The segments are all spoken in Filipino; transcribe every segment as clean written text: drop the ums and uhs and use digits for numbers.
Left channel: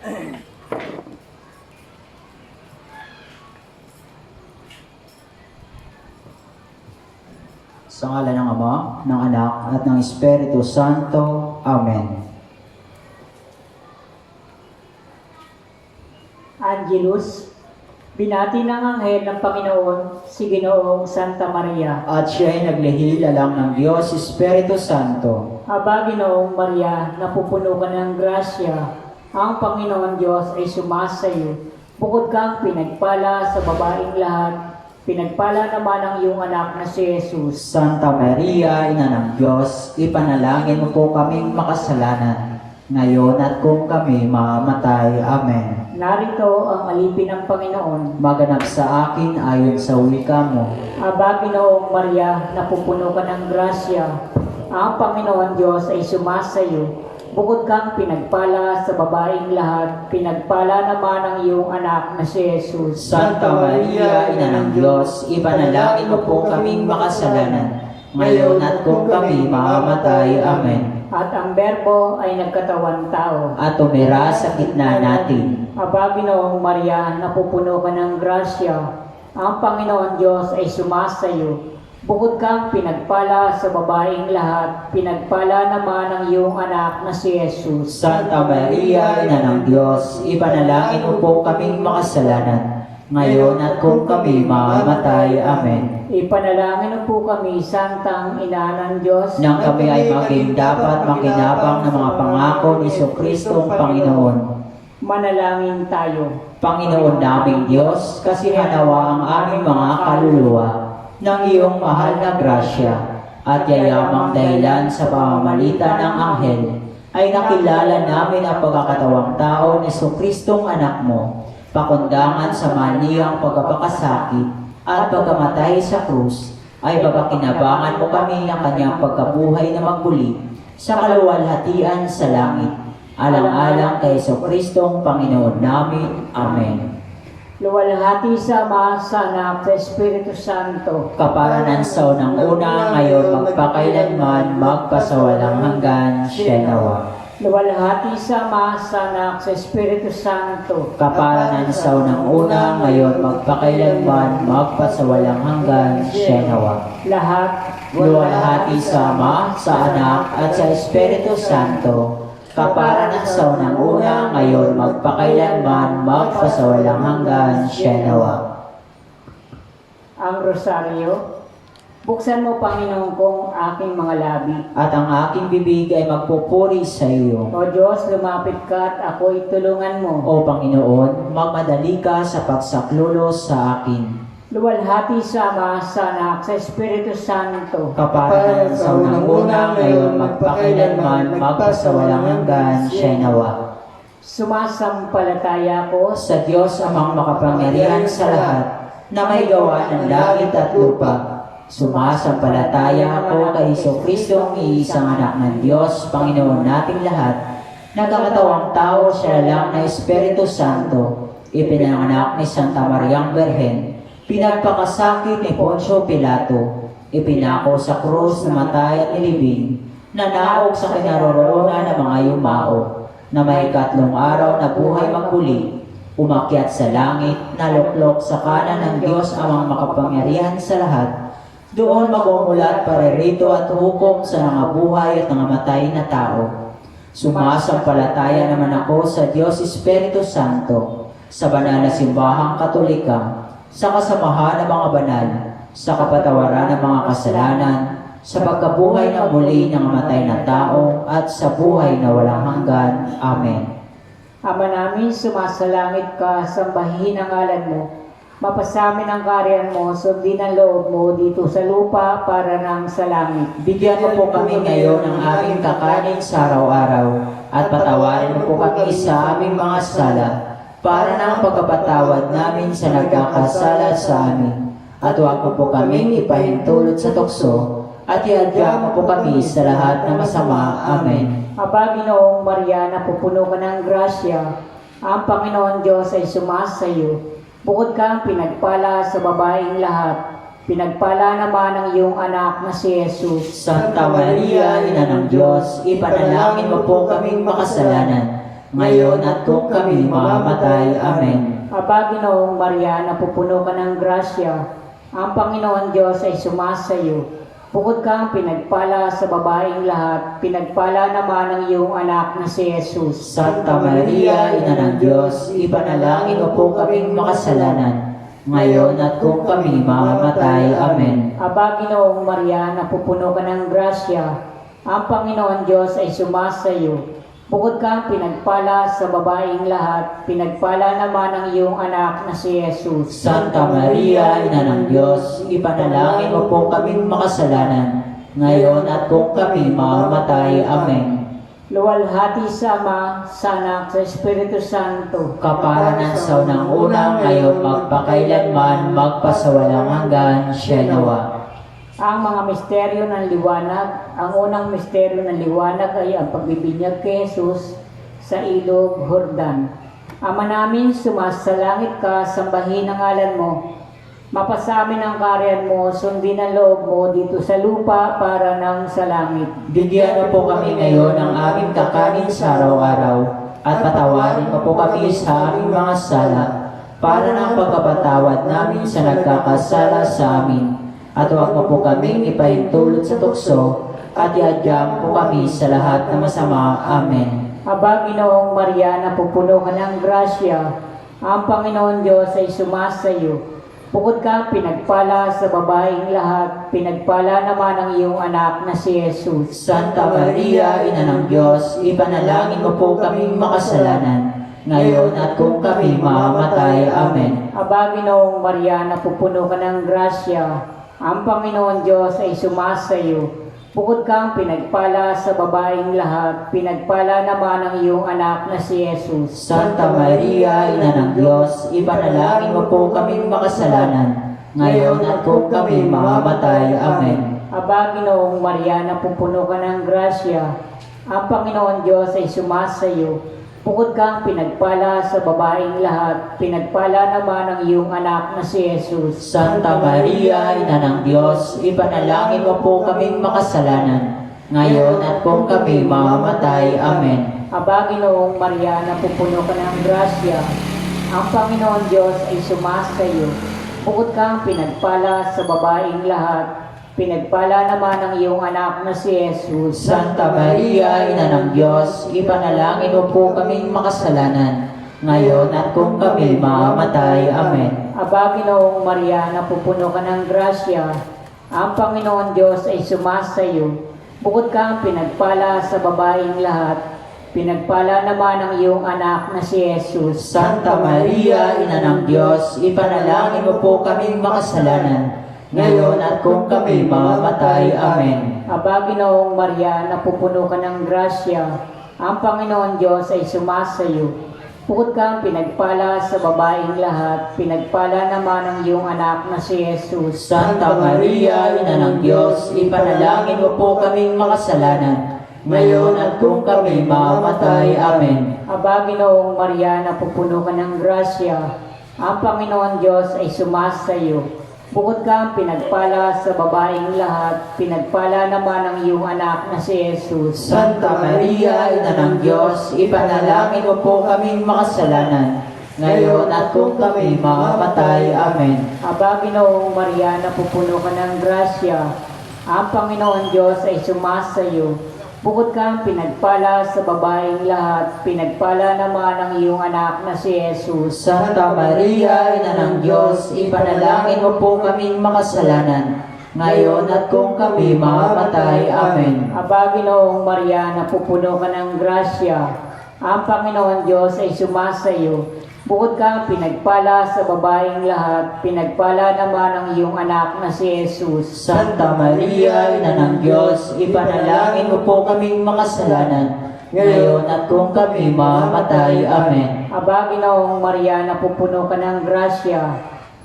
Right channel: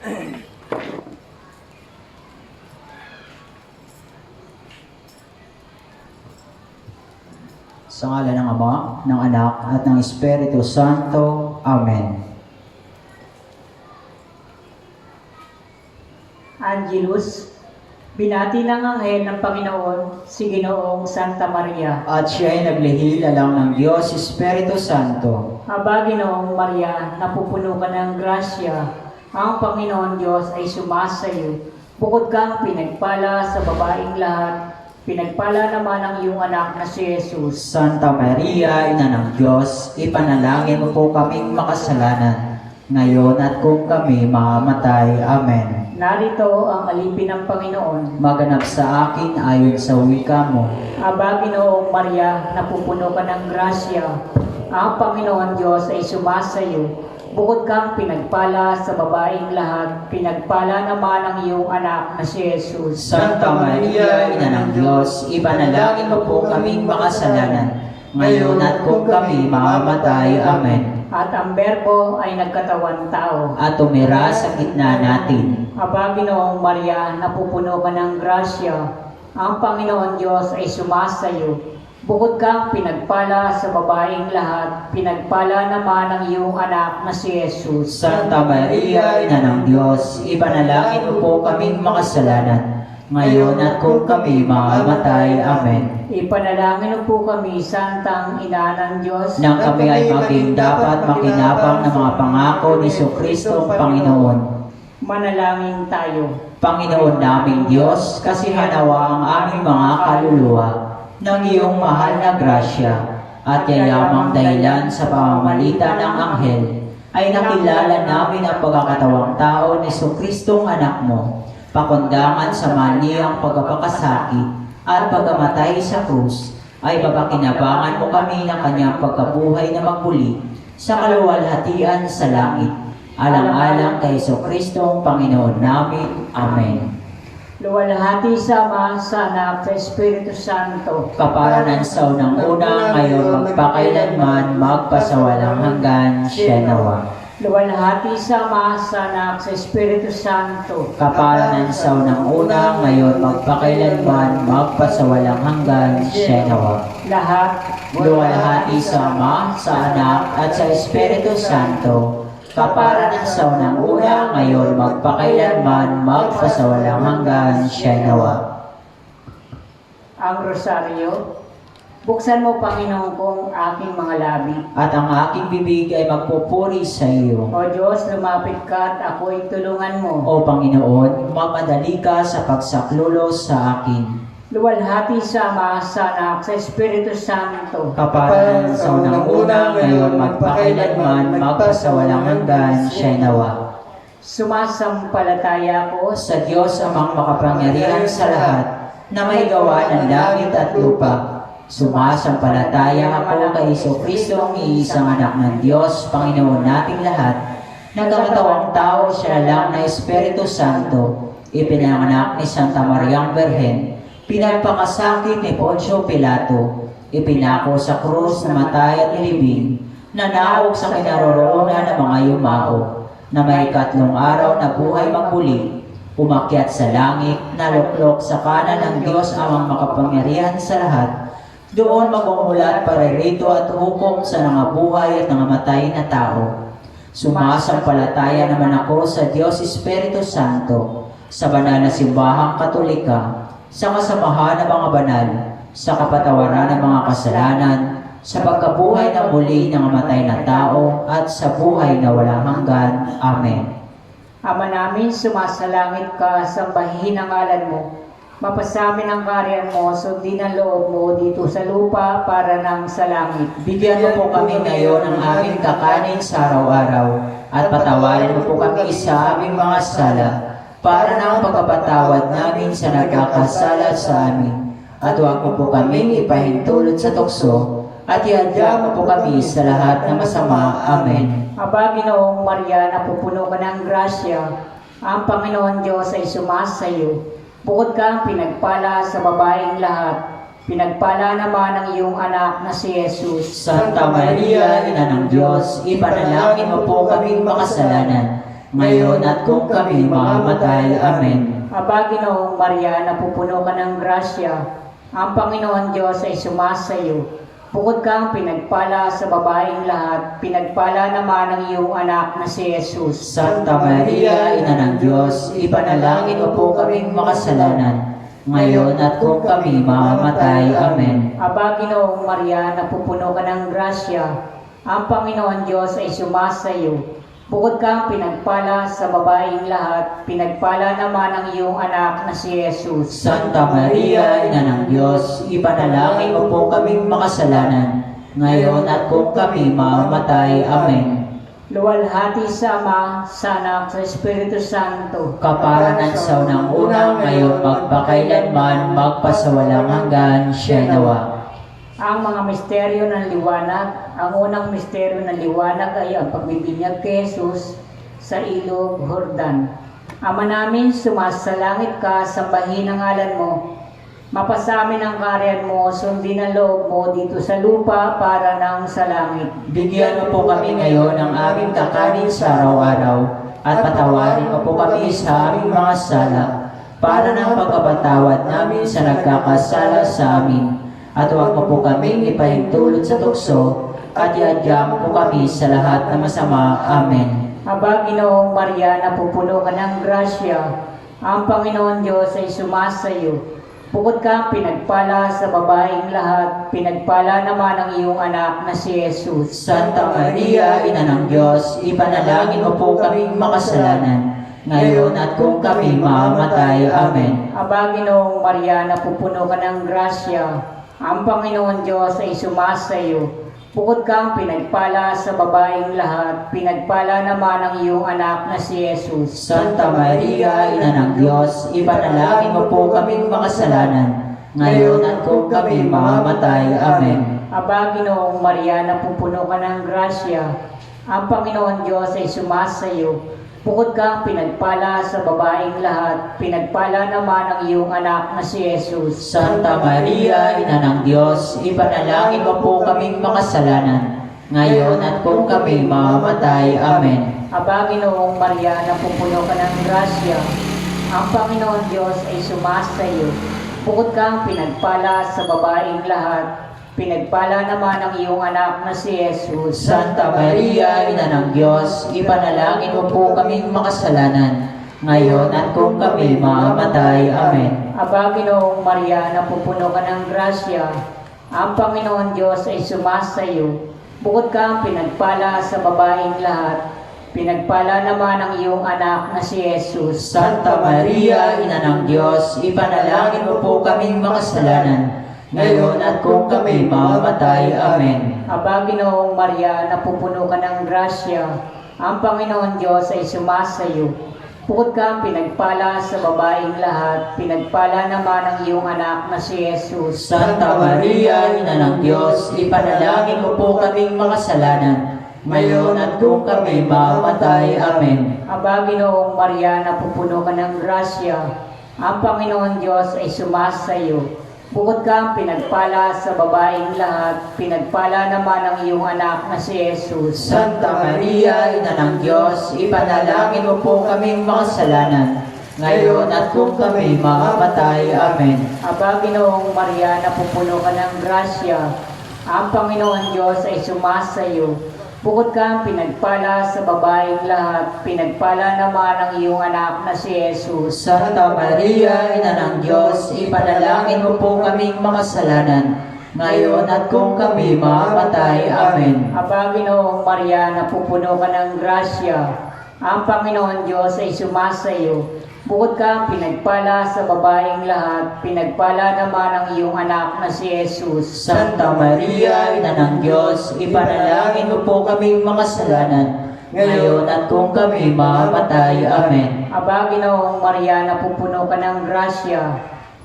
Sa ngala ng Ama, ng Anak, at ng Espiritu Santo. Amen. Angelus, binati ng anghel ng Panginoon si Ginoong Santa Maria. At siya ay naglihil alang ng Diyos, Espiritu Santo. Aba, Ginoong Maria, napupuno ka ng grasya. Ang Panginoon Diyos ay sumasayo. Bukod kang pinagpala sa babaeng lahat, pinagpala naman ang iyong anak na si Jesus. Santa Maria, Ina ng Diyos, ipanalangin mo po kaming makasalanan, ngayon at kung kami mamamatay. Amen. Narito ang alipin ng Panginoon. Maganap sa akin ayon sa wika mo. Aba, Ginoong Maria, napupuno ka ng grasya. Ang Panginoon Diyos ay sumasayo. Bukod kang pinagpala sa babaeng lahat, pinagpala naman ang iyong anak na si Jesus. Santa Maria, Ina ng Diyos, ipanalangin mo po kaming makasalanan, ngayon at kung kami mamamatay. Amen. At ang Berbo ay nagkatawang tao. At tumira sa gitna natin. Aba, Ginoong Maria, napupuno ka ng grasya. Ang Panginoon Diyos ay sumasayo. Bukod kang pinagpala sa babaeng lahat, pinagpala naman ang iyong anak na si Jesus. Santa Maria, Ina ng Diyos, ipanalangin mo po kaming makasalanan, ngayon at kung kami mamamatay. Amen. Ipanalangin po kami, Santang Ina ng Diyos, Nang kami ay maging dapat makinabang ng mga pangako ni Jesucristo ang Panginoon. manalangin tayo. Panginoon naming Diyos, kasihanawa ang aming mga kaluluwa ng iyong mahal na grasya at yayamang dahilan sa pamamagitan ng anghel ay nakilala namin ang pagkakatawang tao ni Jesucristong anak mo, pakundangan sa maniyang pagkapakasakit at pagkamatay sa krus, ay papakinabangan mo kami ng kanyang pagkabuhay na magmuli sa kaluwalhatian sa langit. Alang-alang kay Jesucristong Panginoon namin. Amen. Luwalhati sa Ama, sa Anak, sa Espiritu Santo. Kaparanan sa unang una, ngayon magpakailanman, magpasawalang hanggan, siya nawa. Luwalhati sa Ama, sa Anak, sa Espiritu Santo. Kaparanan sa unang una, ngayon magpakailanman, magpasawalang hanggan, siya nawa. Lahat, Luwalhati sa Ama, sa Anak, at sa Espiritu Santo. Kaparanan sa unang una, ngayon magpakailanman, magpasawalang hanggan, siya nawa. ang rosaryo. Buksan mo, Panginoon, kong aking mga labi. At ang aking bibig ay magpupuri sa iyo. O Diyos, lumapit ka at ako'y tulungan mo. O Panginoon, magmadali ka sa pagsaklulos sa akin. Luwalhati sa Ama, sa Anak, sa Espiritu Santo. Kaparanan sa unang una, ngayon magpakailanman, magpasawalang hanggan, siya nawa. Sumasampalataya ko Sa Diyos amang makapangyarihan sa lahat, na may gawa ng langit at lupa. Sumasampalataya ako kay Jesucristo ang iisang anak ng Diyos, Panginoon nating lahat. Nagkakatawang tao, siya lang na Espiritu Santo, ipinanganak ni Santa Mariang Berhen, pinagpakasakit ni Poncio Pilato, ipinako sa krus, namatay at nilibing, nanaog sa kinaroroonan ng mga yumao, na may 3 araw na buhay magmuli, umakyat sa langit, naluklok sa kanan ng Diyos amang makapangyarihan sa lahat. Doon magmumulat paririto at hukom sa nangabuhay at nangamatay na tao. Sumasampalataya naman ako sa Diyos Espiritu Santo, sa banal na simbahang Katolika, sa kasamahan ng mga banal, sa kapatawaran ng mga kasalanan, sa pagkabuhay ng muli ng namatay na tao, at sa buhay na walang hanggan. Amen. Ama namin, sumasalangit ka, sambahin ang ngalan mo. Mapasamin ang kaharian mo, sundin ang loob mo dito sa lupa para nang sa langit. Bigyan mo po kami ngayon ng aming kakanin sa araw-araw, at patawarin mo po kami sa aming mga sala, para na ang pagkapatawad namin sa nagkakasala sa amin. At huwag mo po kami ipahintulot sa tukso, at ihadya mo po kami sa lahat ng masama. Amen. Aba, Ginoong Maria, napupuno ka ng grasya. Ang Panginoon Diyos ay sumasayo. Bukod kang pinagpala sa babaeng lahat, pinagpala naman ang iyong anak na si Jesus. Santa Maria, Ina ng Diyos, ipanalangin mo po kaming makasalanan, ngayon at kung kami mamamatay. Amen. Aba, Ginoong Maria, napupuno ka ng grasya, ang Panginoon Diyos ay sumasa iyo. Bukod kang pinagpala sa babaeng lahat, pinagpala naman ang iyong anak na si Jesus. Santa Maria, Ina ng Diyos, ipanalangin mo po kaming makasalanan, ngayon at kung kami mamamatay. Amen. Aba, Ginoong Maria, napupuno ka ng grasya, ang Panginoon Diyos ay sumasa iyo. Bukod kang pinagpala sa babaeng lahat, pinagpala naman ang iyong anak na si Jesus. Santa Maria, Ina ng Diyos, ipanalangin mo po kaming makasalanan, ngayon at kung kami mamamatay. Amen. Luwalhati sa Ama, sa Anak, sa Espiritu Santo. Kaparanan sa unang-unang, ngayon magpakailanman, magpasawalang hanggan. Siya. Ang mga misteryo ng liwanag. Ang unang misteryo ng liwanag ay ang pagbibinyag kay Jesus sa ilog Jordan. Ama namin, sumasalangit ka, sambahin ang ngalan mo. Mapasamin ang karyan mo, sundin ang loob mo dito sa lupa para nang sa langit. Bigyan mo po kami ngayon ng aming kakanin sa araw-araw, at patawarin mo po kami sa aming mga sala, para ng pagkapatawad namin sa nagkakasala sa amin. At huwag mo po kaming ipahintulot sa tukso, at iadyam po kami sa lahat ng masama. Amen. Aba, Ginoong Maria, napupuno ka ng grasya, ang Panginoon Diyos ay sumasa iyo. Bukod kang pinagpala sa babaeng lahat, pinagpala naman ang iyong anak na si Jesus. Santa Maria, Ina ng Diyos, ipanalangin mo po kaming makasalanan, ngayon at kung kami mamamatay. Amen. Aba, Ginoong Maria, napupuno ka ng grasya, ang Panginoon Diyos ay sumasa iyo. Bukod kang pinagpala sa babaeng lahat, pinagpala naman ang iyong anak na si Jesus. Santa Maria, Ina ng Diyos, ipanalangin mo po kaming makasalanan, ngayon at kung kami mamamatay. Amen. Aba, Ginoong Maria, napupuno ka ng grasya, ang Panginoon Diyos ay sumasa iyo. Bukod kang pinagpala sa babaeng lahat, pinagpala naman ang iyong anak na si Jesus. Santa Maria, Ina ng Diyos, ipanalangin mo po kaming makasalanan, ngayon at kung kami mamamatay. Amen. Aba, Ginoong Maria, napupuno ka ng grasya, ang Panginoon Diyos ay sumasa iyo. Bukod kang pinagpala sa babaeng lahat, pinagpala naman ang iyong anak na si Jesus. Santa Maria, Ina ng Diyos, ipanalangin mo po kaming makasalanan, ngayon at kung kami mamamatay. Amen. Aba, Ginoong Maria, napupuno ka ng grasya, ang Panginoon Diyos ay sumasa iyo. Bukod kang pinagpala sa babaeng lahat, pinagpala naman ang iyong anak na si Jesus. Santa Maria, Ina ng Diyos, ipanalangin mo po kaming makasalanan, ngayon at kung kami mamamatay. Amen. Aba, Ginoong Maria, napupuno ka ng grasya, ang Panginoon Diyos ay sumasa iyo. Bukod kang pinagpala sa babaeng lahat, pinagpala naman ang iyong anak na si Jesus. Santa Maria, Ina ng Diyos, ipanalangin mo po kaming makasalanan, ngayon at kung kami mamamatay. Amen. Aba, Ginoong Maria, napupuno ka ng grasya, ang Panginoon Diyos ay sumasa iyo. Bukod kang pinagpala sa babaeng lahat, pinagpala naman ang iyong anak na si Jesus. Santa Maria, Ina ng Diyos, ipanalangin mo po kaming makasalanan, ngayon at kung kami mamamatay. Amen. Aba, Ginoong Maria, napupuno ka ng grasya, ang Panginoon Diyos ay sumasa iyo. Bukod kang pinagpala sa babaeng lahat, pinagpala naman ang iyong anak na si Jesus. Santa Maria, Ina ng Diyos, ipanalangin mo po kaming makasalanan, ngayon at kung kami mamamatay. Amen. Aba, Ginoong Maria, napupuno ka ng grasya, ang Panginoon Diyos ay sumasa iyo. Bukod kang pinagpala sa babaeng lahat, pinagpala naman ang iyong anak na si Jesus. Santa Maria, Ina ng Diyos, ipanalangin mo po kaming makasalanan, ngayon at kung kami mamamatay. Amen. Aba, Ginoong Maria, napupuno ka ng grasya,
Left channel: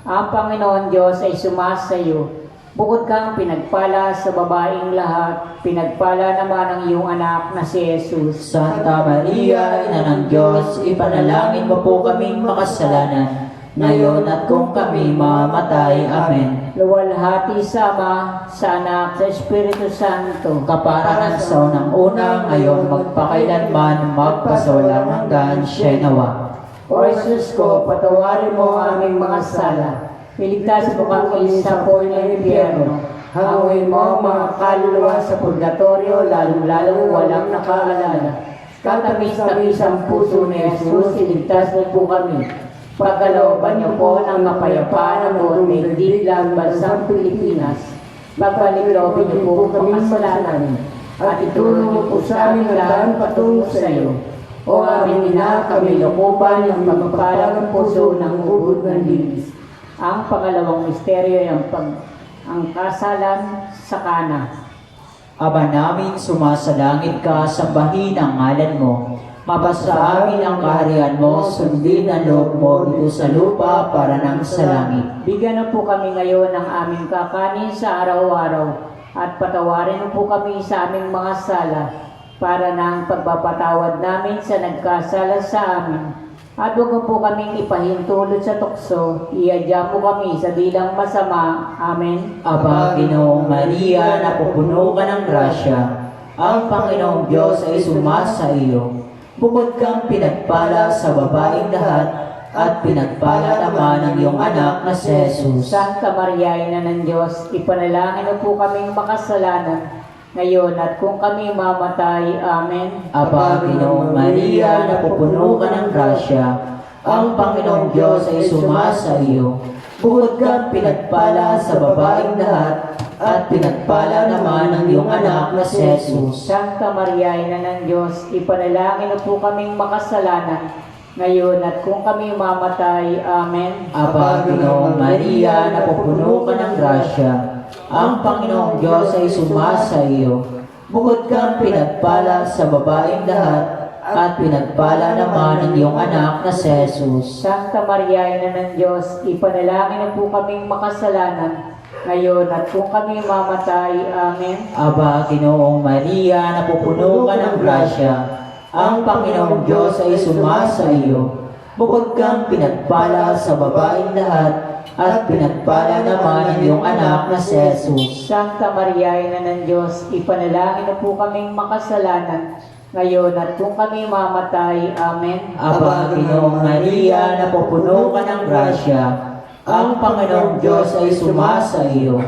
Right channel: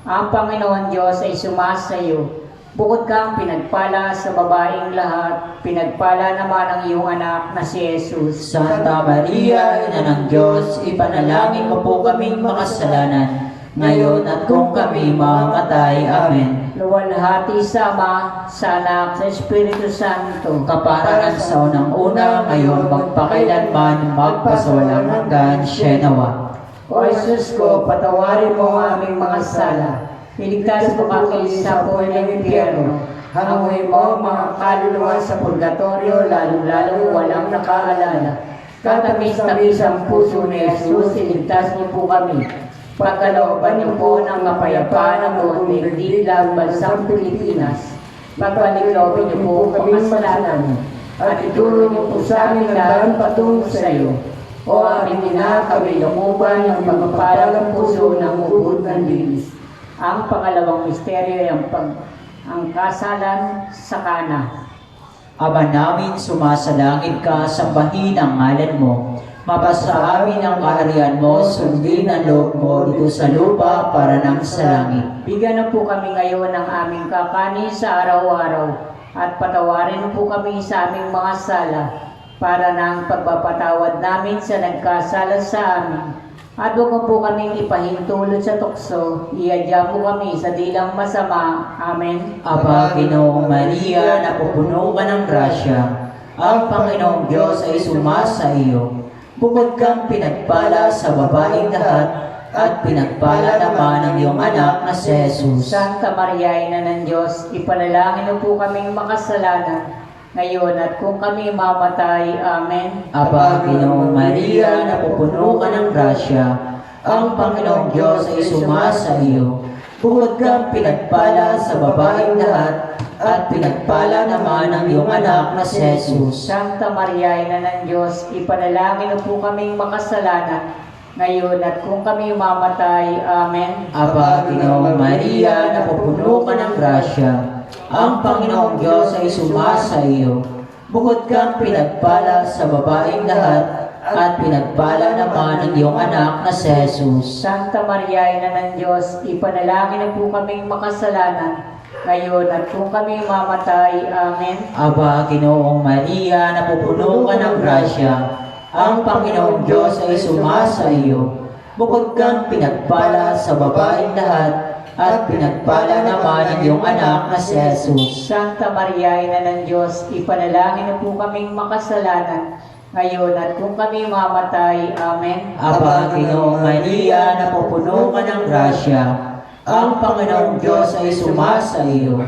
ang Panginoon Diyos ay sumasa iyo. Bukod kang pinagpala sa babaeng lahat, pinagpala naman ang iyong anak na si Jesus. Santa Maria, Ina ng Diyos, ipanalangin mo po kaming makasalanan, ngayon at kung kami mamamatay. Amen. Luwalhati sa Ama, sa Anak, sa Espiritu Santo. Kaparanan sa unang-una, ngayon magpakailanman, magpakailanman magpasawalang hanggan. Siya nawa. O Jesus ko, patawarin mo ang aming mga sala. Iligtas mo kami sa apoy ng impyerno. Hanguin mo mga kaluluwa sa purgatorio, lalo-lalo walang nakaalala. Katamis-tamis ang puso ni Jesus, iligtas niyo po kami. Pagkalooban niyo po ng kapayapaan ng buong digdig bansang Pilipinas. Pagpaliglobin niyo po ang kasalanan. At itulong niyo po sa aming daan patungo sa iyo. O aming ina, kami lukupan ng magpapalang puso ng ubod ng dilis. Ang pangalawang misteryo ay ang kasalan sa Kana. Aba namin sumasalangit ka, sambahin ang ngalan mo. Mapasa amin ang kaharian mo, sundin ang loob mo dito sa lupa para nang sa langit. Bigyan na po kami ngayon ng aming kakanin sa araw-araw at patawarin po kami sa aming mga sala para ng pagpapatawad namin sa nagkasala sa amin. At huwag mo po kaming ipahintulot sa tukso, iadya mo kami sa dilang masama. Amen. Aba, Ginoong Maria, napupuno ka ng grasya. Ang Panginoong Diyos ay sumasa iyo. Bukod kang pinagpala sa babaeng lahat, at pinagpala naman ang iyong anak na si Jesus. Santa Maria, Ina ng Diyos, ipanalangin mo po kaming makasalanan ngayon at kung kami mamatay. Amen. Aba, Ginoong Maria, napupuno ka ng grasya. Ang Panginoong Diyos ay sumasa iyo. Bukod kang pinagpala sa babaeng lahat, at pinagpala naman ang iyong anak na si Jesus. Santa Maria, Ina ng Diyos, ipanalangin mo po kaming makasalanan ngayon at kung kami mamatay. Amen. Aba, Ginoong Maria, napupuno ka ng grasya. Ang Panginoong Diyos ay sumasa iyo. Bukod kang pinagpala sa babaeng lahat, at pinagpala naman ang iyong anak na si Jesus. Santa Maria, Ina ng Diyos, ipanalangin mo po kaming makasalanan ngayon at kung kami mamatay. Amen. Aba, Ginoong Maria, napupuno ka ng grasya. Ang Panginoong Diyos ay sumasa iyo. Bukod kang pinagpala sa babaeng lahat, at pinagpala naman ang iyong anak na si Jesus. Santa Maria, Ina ng Diyos, ipanalangin mo po kaming makasalanan ngayon at kung kami mamatay. Amen. Aba, Ginoong Maria, napupuno ka ng grasya. Ang Panginoong Diyos ay sumasa iyo.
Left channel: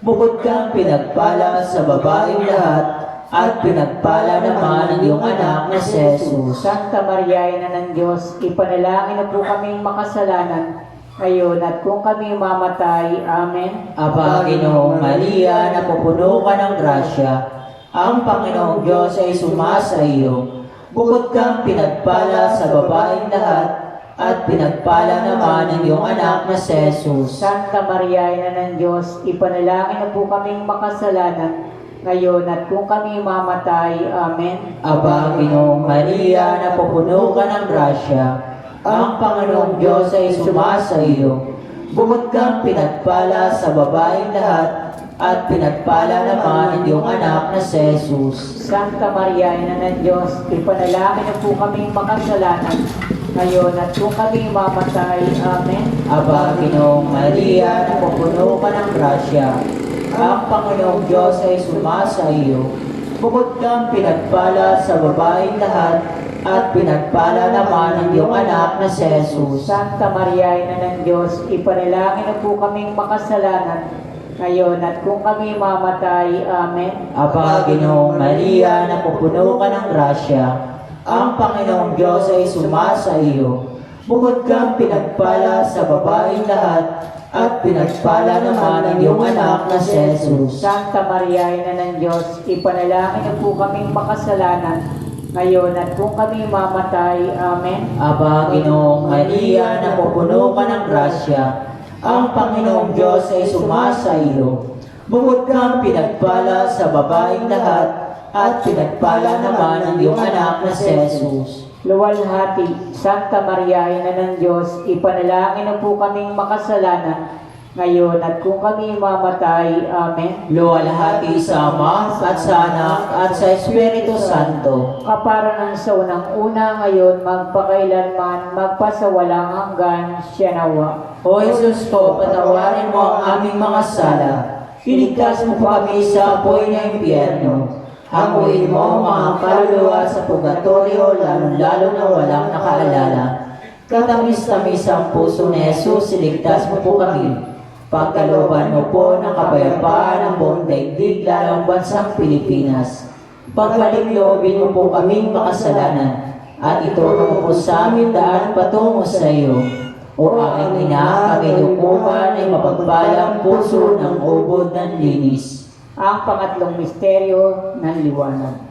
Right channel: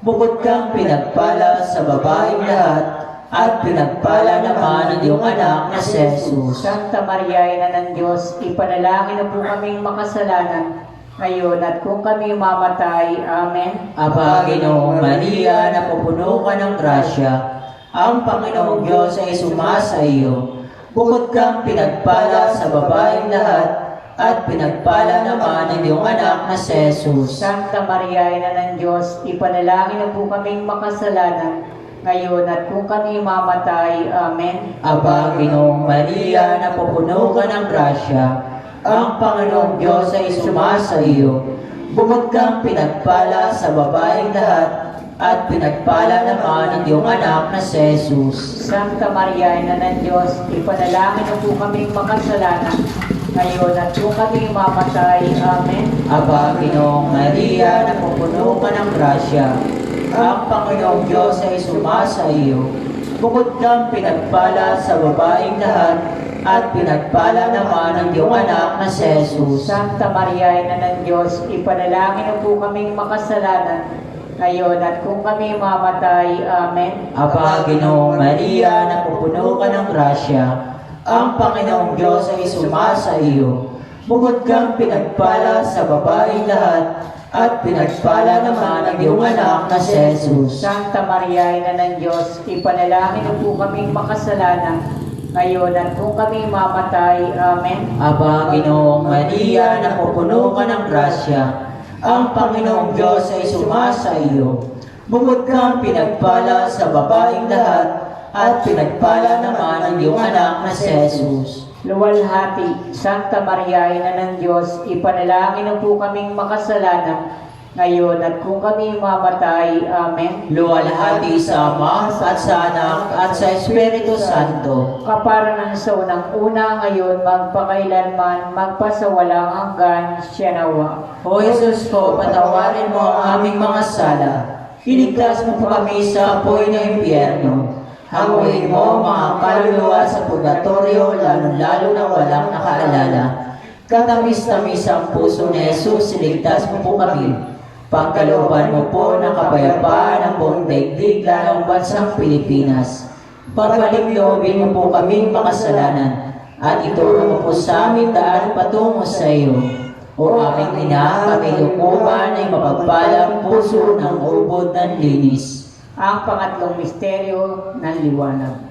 Bukod kang pinagpala sa babaeng lahat, at pinagpala naman ang iyong anak na si Jesus. Santa Maria, Ina ng Diyos, ipanalangin mo po kaming makasalanan ngayon at kung kami mamatay. Amen. Aba, Ginoong Maria, napupuno ka ng grasya. Ang Panginoong Diyos ay sumasa iyo. Bukod kang pinagpala sa babaeng lahat, at pinagpala naman ang iyong anak na si Jesus. Santa Maria, Ina ng Diyos, ipanalangin mo po kaming makasalanan ngayon at kung kami mamatay. Amen. Aba, Ginoong Maria, napupuno ka ng grasya. Ang Panginoong Diyos ay sumasa iyo. Bukod kang pinagpala sa babaeng lahat, at pinagpala naman ang iyong anak na si Jesus. Santa Maria, Ina ng Diyos, ipanalangin mo po kaming makasalanan ngayon at kung kami mamatay. Amen. Aba, Ginoong Maria, napupuno ka ng grasya. Ang Panginoong Diyos ay sumasa iyo. Bukod kang pinagpala sa babaeng lahat, at pinagpala naman ang iyong anak na si Jesus. Santa Maria, Ina ng Diyos, ipanalangin mo po kaming makasalanan ngayon at kung kami mamatay. Amen. Aba, Ginoong Maria, napupuno ka ng grasya. Ang Panginoong Diyos ay sumasa iyo. Bukod kang pinagpala sa babaeng lahat, at pinagpala naman ang iyong anak na si Jesus. Santa Maria, Ina ng Diyos, ipanalangin mo po kaming makasalanan ngayon at kung kami mamatay. Amen. Aba, Ginoong Maria, napupuno ka ng grasya. Ang Panginoong Diyos ay sumasa iyo. Bukod kang pinagpala sa babaeng lahat, at pinagpala naman ang iyong anak na si Jesus. Luwalhati, Santa Maria, Ina ng Diyos, ipanalangin mo po kaming makasalanan ngayon at kung kami mamatay. Amen. Luwalhati sa Ama, at sa Anak, at sa Espiritu Santo. Kaparanan sa unang-una ngayon, magpakailanman, magpasawalang hanggan. Siya nawa. O Jesus ko, patawarin mo ang aming mga sala. Iligtas mo po kami sa apoy ng impyerno. Hanguin mo mga kaluluwa sa sa purgatorio, lalo na walang nakaalala. Katamis-tamis ang puso ni Jesus, iligtas mo po kami. Pagkalooban mo po ng kapayapaan ang buong daigdig, lalo ang bansang Pilipinas. Pagpaligloobin mo po kaming makasalanan, at ituro mo po sa amin daan patungo sa iyo. O aming ina, kami lukuman ay mapagpalang puso ng ubod ng linis. Ang pangatlong misteryo ng liwanag.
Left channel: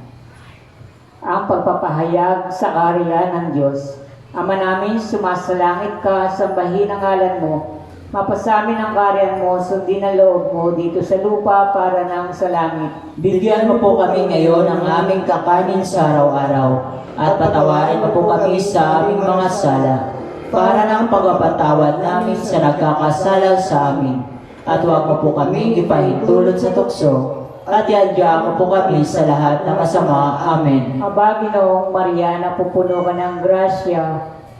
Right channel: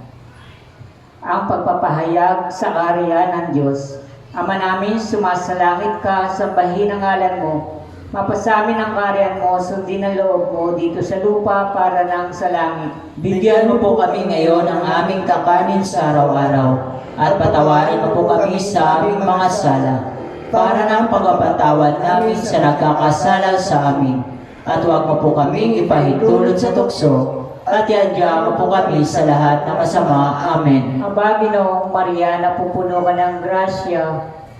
Ang pagpapahayag sa kaharian ng Diyos. Ama namin, sumasalangit ka, sambahin ang ngalan mo. Mapasamin ang kaharian mo, sundin ang loob mo dito sa lupa para nang sa langit. Bigyan mo po kami ngayon ng aming kakanin sa araw-araw, at patawarin mo po kami sa aming mga sala, para ng pagpapatawad namin sa nagkakasala sa amin. At huwag mo po kaming ipahintulot sa tukso, at iadya mo po kami sa lahat na masama. Amen. Aba, Ginoong Maria, napupuno ka ng grasya,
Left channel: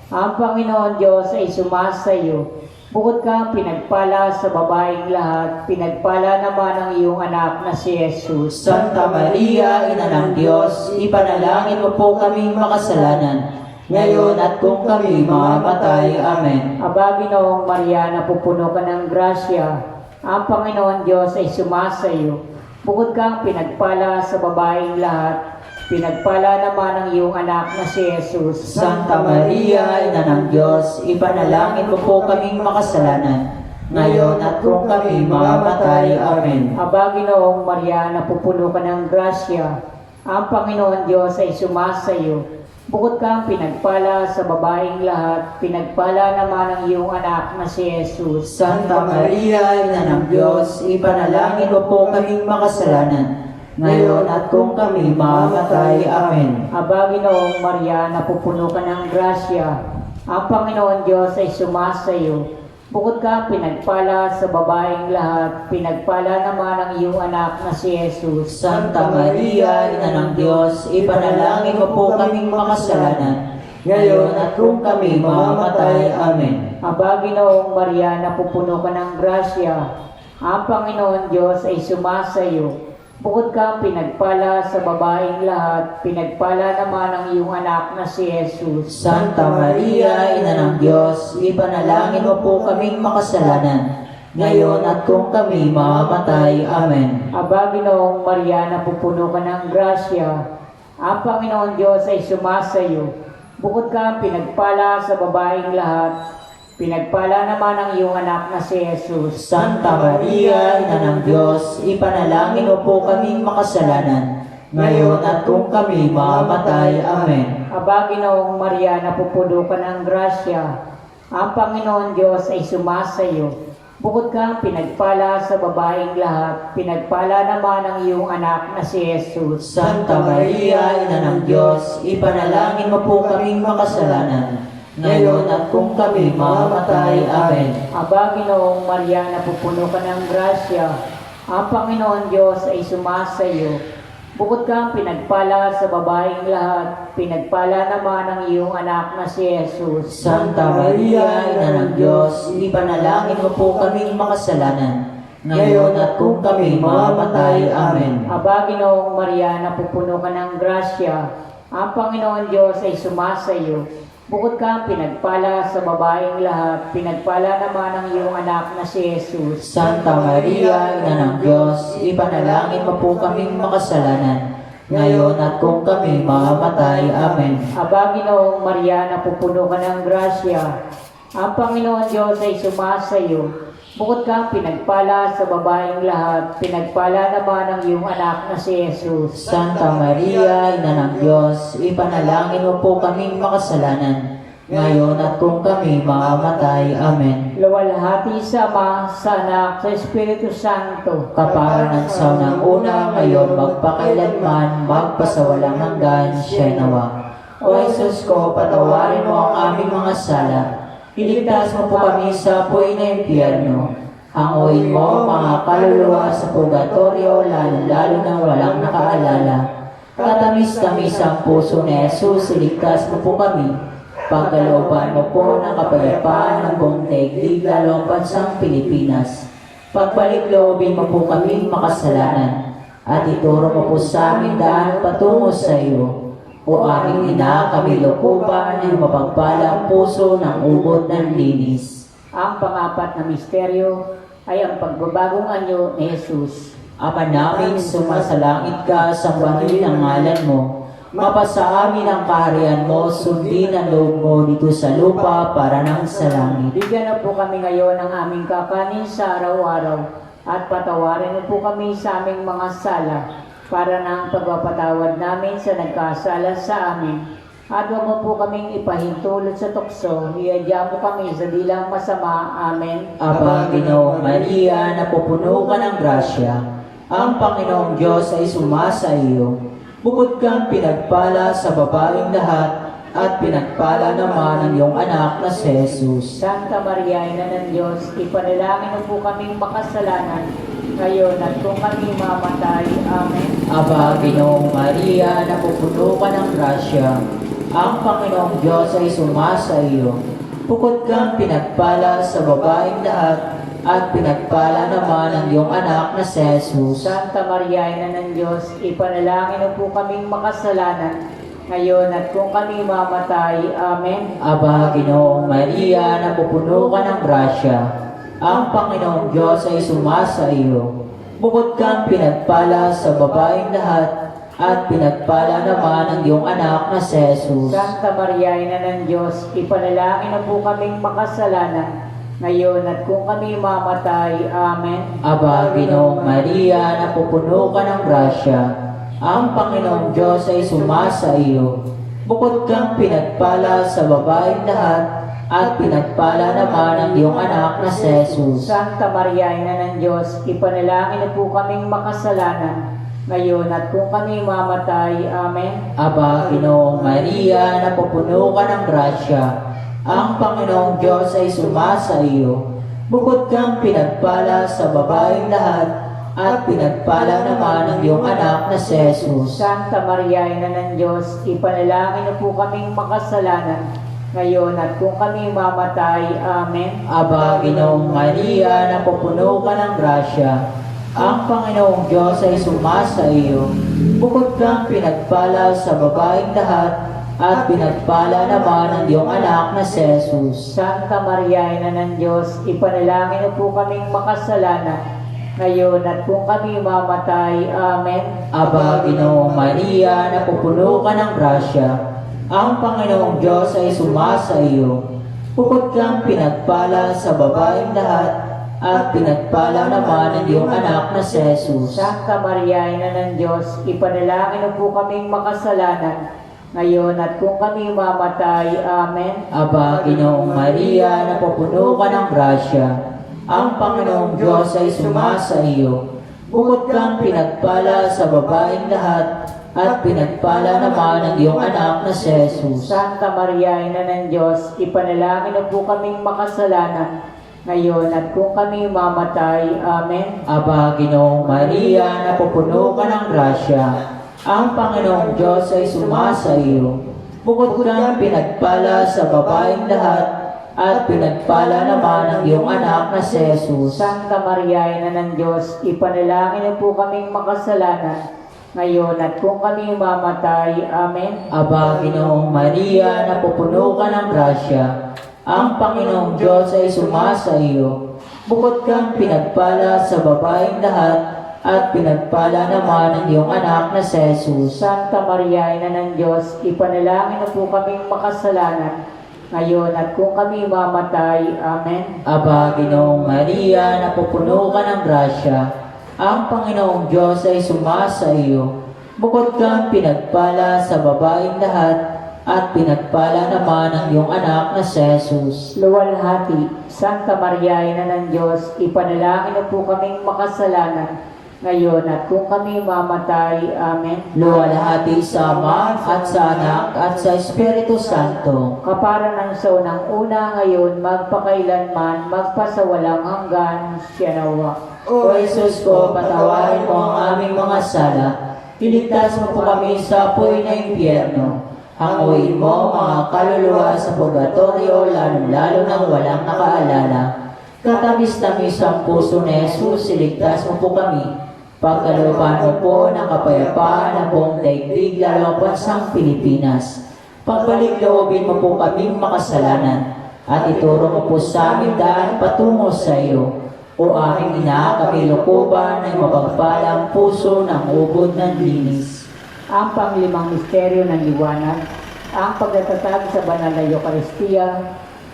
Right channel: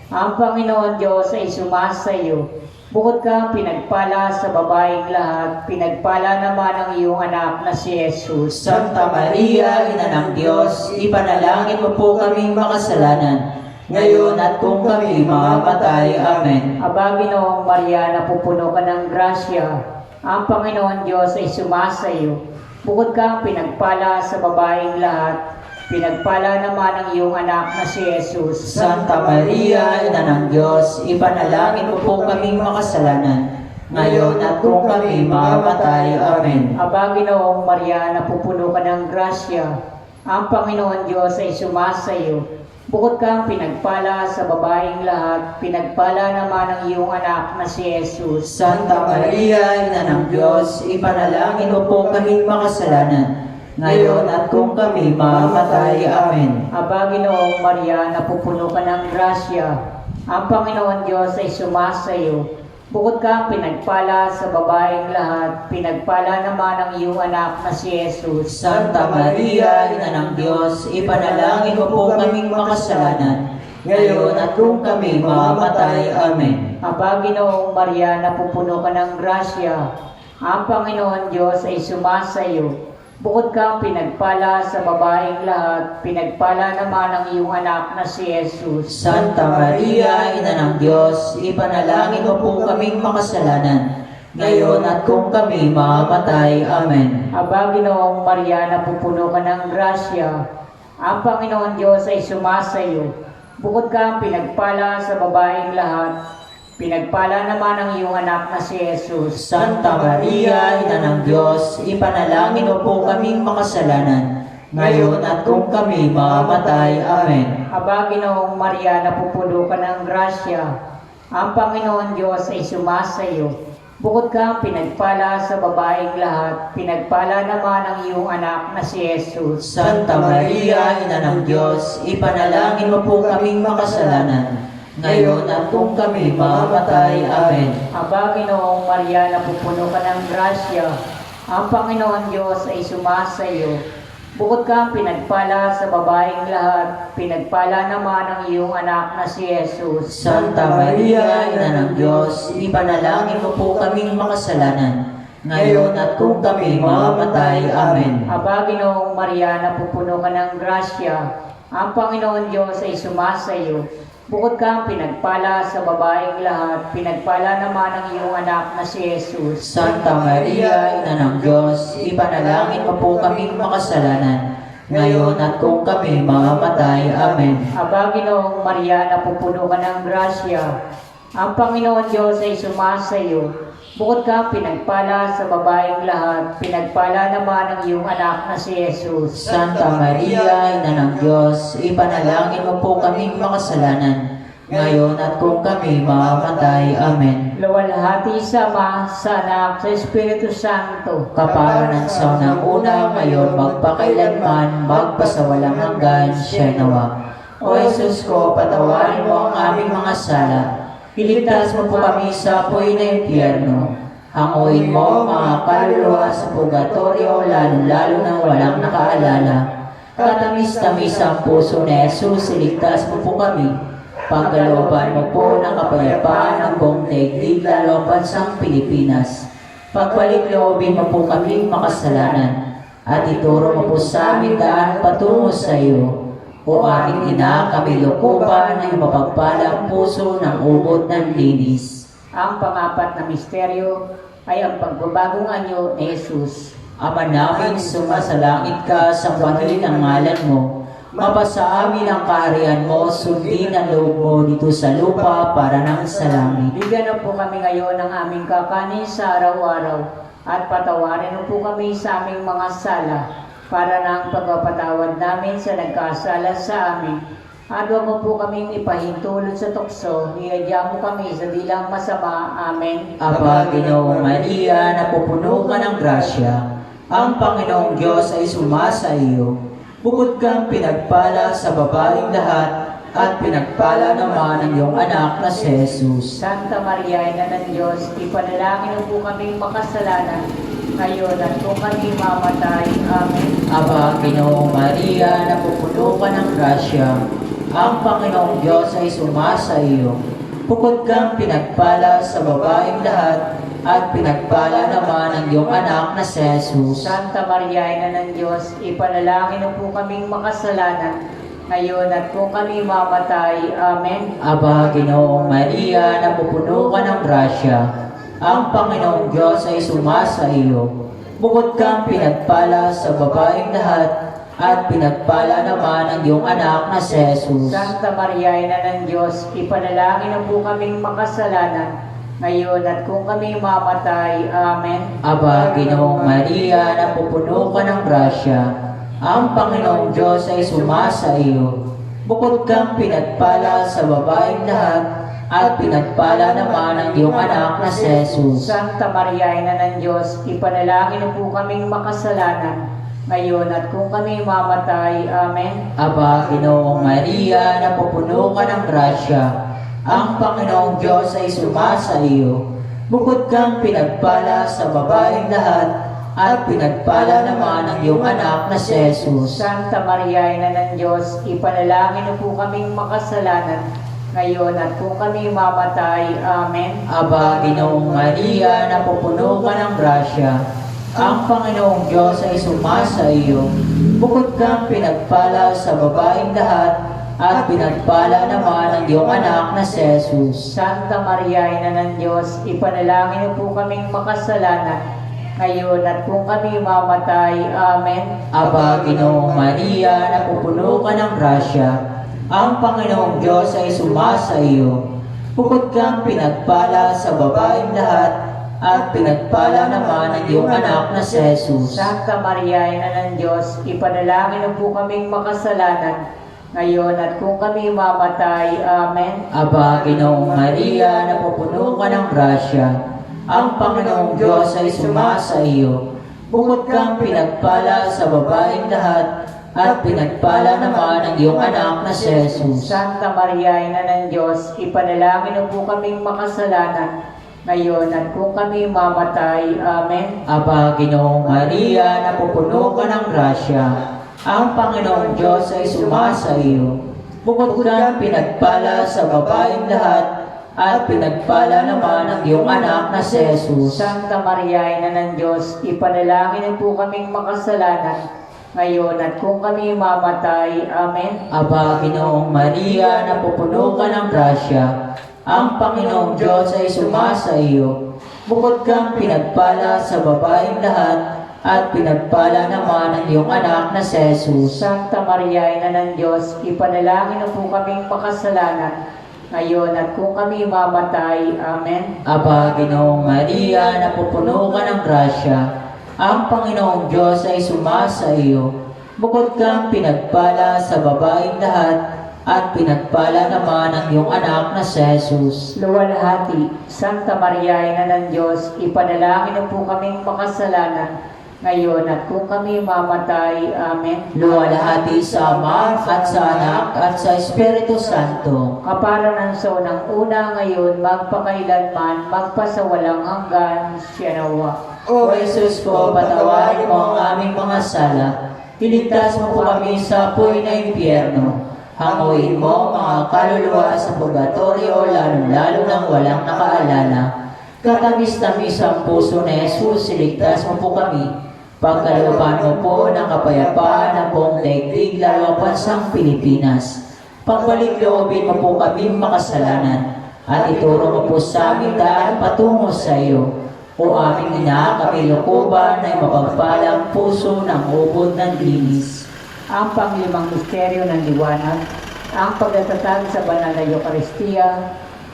ang Panginoon Diyos ay sumasa iyo. Bukod kang pinagpala sa babaeng lahat, pinagpala naman ang iyong anak na si Jesus. Santa Maria, Ina ng Diyos, ipanalangin mo po kaming makasalanan, ngayon at kung kami mamamatay. Amen. Aba, Ginoong Maria, napupuno ka ng grasya, ang Panginoon Diyos ay sumasa iyo. Bukod kang pinagpala sa babaeng lahat, pinagpala naman ang iyong anak na si Jesus. Santa Maria, Ina ng Diyos, ipanalangin mo po kaming makasalanan, ngayon at kung kami mamamatay. Amen. Aba, Ginoong Maria, napupuno ka ng grasya, ang Panginoon Diyos ay sumasa iyo. Bukod kang pinagpala sa babaeng lahat, pinagpala naman ang iyong anak na si Jesus. Santa Maria, Ina ng Diyos, ipanalangin mo po kaming makasalanan, ngayon at kung kami mamamatay. Amen. Aba, Ginoong Maria, napupuno ka ng grasya, ang Panginoon Diyos ay sumasa iyo. Bukod kang pinagpala sa babaeng lahat, pinagpala naman ang iyong anak na si Jesus. Santa Maria, Ina ng Diyos, ipanalangin mo po kaming makasalanan, ngayon at kung kami mamamatay. Amen. Aba, Ginoong Maria, napupuno ka ng grasya, ang Panginoon Diyos ay sumasa iyo. Bukod kang pinagpala sa babaeng lahat, pinagpala naman ang iyong anak na si Jesus. Santa Maria, Ina ng Diyos, ipanalangin mo po kaming makasalanan, ngayon at kung kami mamamatay. Amen. Aba, Ginoong Maria, napupuno ka ng grasya, ang Panginoon Diyos ay sumasa iyo. Bukod kang pinagpala sa babaeng lahat, pinagpala naman ang iyong anak na si Jesus. Santa Maria, Ina ng Diyos, ipanalangin mo po kaming makasalanan, ngayon at kung kami mamamatay. Amen. Aba, Ginoong Maria, napupuno ka ng grasya, ang Panginoon Diyos ay sumasa iyo. Bukod kang pinagpala sa babaeng lahat, pinagpala naman ang iyong anak na si Jesus. Santa Maria, Ina ng Diyos, ipanalangin mo po kaming makasalanan, ngayon at kung kami mamamatay. Amen. Aba, Ginoong Maria, napupuno ka ng grasya, ang Panginoon Diyos ay sumasa iyo. Bukod kang pinagpala sa babaeng lahat, pinagpala naman ang iyong anak na si Jesus. Santa Maria, Ina ng Diyos, ipanalangin mo po kaming makasalanan, ngayon at kung kami mamamatay. Amen. Aba, Ginoong Maria, napupuno ka ng grasya, ang Panginoon Diyos ay sumasa iyo. Bukod kang pinagpala sa babaeng lahat, pinagpala naman ang iyong anak na si Jesus. Santa Maria, Ina ng Diyos, ipanalangin mo po kaming makasalanan, ngayon at kung kami mamamatay. Amen. Aba, Ginoong Maria, napupuno ka ng grasya, ang Panginoon Diyos ay sumasa iyo. Bukod kang pinagpala sa babaeng lahat, pinagpala naman ang iyong anak na si Jesus. Santa Maria, Ina ng Diyos, ipanalangin mo po kaming makasalanan, ngayon at kung kami mamamatay. Amen. Luwalhati sa Ama, sa Anak, sa Espiritu Santo. Kaparanan sa unang una, ngayon magpakailanman, magpasawalang hanggan. Siya nawa. O Jesus ko, patawarin mo ang aming mga sala. Iligtas mo po kami sa apoy na impyerno. Hanguin mo mga kaluluwa sa purgatorio, lalo na walang nakaalala. Katamis-tamis ang puso ni Jesus, iligtas mo po kami. Pagkalooban mo po ng kapayapaan ang buong daigdig, lalo ang bansang Pilipinas. Pagpaligloobin mo po kaming makasalanan, at ituro mo po sa amin daan patungo sa iyo. O aming ina, kami lokoban ay mapagpalang puso ng ubod ng linis. Ang pang-apat na misteryo ay ang pagbabagong anyo ni Jesus. Ama namin, sumasalangit ka, sambahin ang ngalan mo. Mapasa amin ang kaharian mo, sundin ang loob mo dito sa lupa para nang sa langit. Bigyan na po kami ngayon ng aming kakanin sa araw-araw at patawarin mo po kami sa aming mga sala para nang pagpapatawad namin sa nagkasala sa amin. At huwag mo po kaming ipahintulot sa tukso, iadya mo kami sa dilang masama. Amen. Aba, Ginoong Maria, napupuno ka ng grasya. Ang Panginoong Diyos ay sumasa iyo. Bukod kang pinagpala sa babaeng lahat, at pinagpala naman ang iyong anak na si Jesus. Santa Maria, Ina ng Diyos, ipanalangin mo po kaming makasalanan, ngayon at kung kami mamatay. Amen. Aba, Ginoong Maria, napupuno ka ng grasya. Ang Panginoong Diyos ay sumasa iyo. Bukod kang pinagpala sa babaeng lahat, at pinagpala naman ang iyong anak na si Jesus. Santa Maria, Ina ng Diyos, ipanalangin mo po kaming makasalanan, ngayon at kung kami mamatay. Amen. Aba, Ginoong Maria, napupuno ka ng grasya. Ang Panginoong Diyos ay sumasa iyo. Bukod kang pinagpala sa babaeng lahat, at pinagpala naman ang iyong anak na si Jesus. Santa Maria, Ina ng Diyos, ipanalangin mo po kaming makasalanan, ngayon at kung kami mamatay. Amen. Aba, Ginoong Maria, napupuno ka ng grasya. Ang Panginoong Diyos ay sumasa iyo. Bukod kang pinagpala sa babaeng lahat, at pinagpala naman ang iyong anak na si Jesus. Santa Maria, Ina ng Diyos, ipanalangin mo po kaming makasalanan, ngayon at kung kami mamatay. Amen. Aba, Ginoong Maria, napupuno ka ng grasya. Ang Panginoong Diyos ay sumasa iyo. Bukod kang pinagpala sa babaeng lahat, at pinagpala naman ang iyong anak na si Jesus. Santa Maria, Ina ng Diyos, ipanalangin mo po kaming makasalanan, ngayon at kung kami mamatay. Amen. Aba, Ginoong Maria, napupuno ka ng grasya. Ang Panginoong Diyos ay sumasa iyo. Bukod kang pinagpala sa babaeng lahat, at pinagpala naman ang iyong anak na si Jesus. Santa Maria, Ina ng Diyos, ipanalangin mo po kaming makasalanan, ngayon at kung kami mamatay. Amen. Aba, Ginoong Maria, napupuno ka ng grasya. Ang Panginoong Diyos ay sumasa iyo. Bukod kang pinagpala sa babaeng lahat, at pinagpala naman ang iyong anak na si Jesus. Santa Maria, Ina ng Diyos, ipanalangin mo po kaming makasalanan, ngayon at kung kami mamatay. Amen. Aba, Ginoong Maria, napupuno ka ng grasya. Ang Panginoong Diyos ay sumasa iyo. Bukod kang pinagpala sa babaeng lahat, at pinagpala naman ang iyong anak na si Jesus. Santa Maria, Ina ng Diyos, ipanalangin mo po kaming makasalanan, ngayon at kung kami mamatay. Amen. Aba, Ginoong Maria, napupuno ka ng grasya. Ang Panginoong Diyos ay sumasa iyo. Bukod kang pinagpala sa babaeng lahat, at pinagpala naman ang iyong anak na si Jesus. Santa Maria, Ina ng Diyos, ipanalangin mo po kaming makasalanan, ngayon at kung kami mamatay. Amen. Aba, Ginoong Maria, napupuno ka ng grasya. Ang Panginoong Diyos ay sumasa iyo. Bukod kang pinagpala sa babaeng lahat, at pinagpala naman ang iyong anak na si Jesus. Santa Maria, Ina ng Diyos, ipanalangin mo po kaming makasalanan, ngayon at kung kami mamatay. Amen. Aba, Ginoong Maria, napupuno ka ng grasya. Ang Panginoong Diyos ay sumasa iyo. Bukod kang pinagpala sa babaeng lahat, at pinagpala naman ang iyong anak na si Jesus. Luwalhati, Santa Maria, Ina ng Diyos, ipanalangin mo po kaming makasalanan, ngayon at kung kami mamatay. Amen. Luwalhati sa Ama, at sa Anak, at sa Espiritu Santo. Kapara ng sa unang-una, ngayon, magpakailanman, magpasawalang hanggan. Siya nawa. O Jesus ko, patawarin mo ang aming mga sala. Iligtas mo po kami sa apoy na impyerno. Hanguin mo mga kaluluwa sa purgatorio, lalo nang walang nakaalala. Katamis-tamis ang puso ni Jesus, iligtas mo po kami. Pagkalooban mo po ng kapayapaan ng buong daigdig, lalo ang bansang Pilipinas. Pagbalik loobin mo po kaming makasalanan at ituro mo po sa amin daan patungo sa iyo. O aming ina, kami lukuban ng mapagpalang puso ng ubod ng linis. Ang panglimang misteryo ng liwanag, ang pagdatatag sa banal na Eucharistia,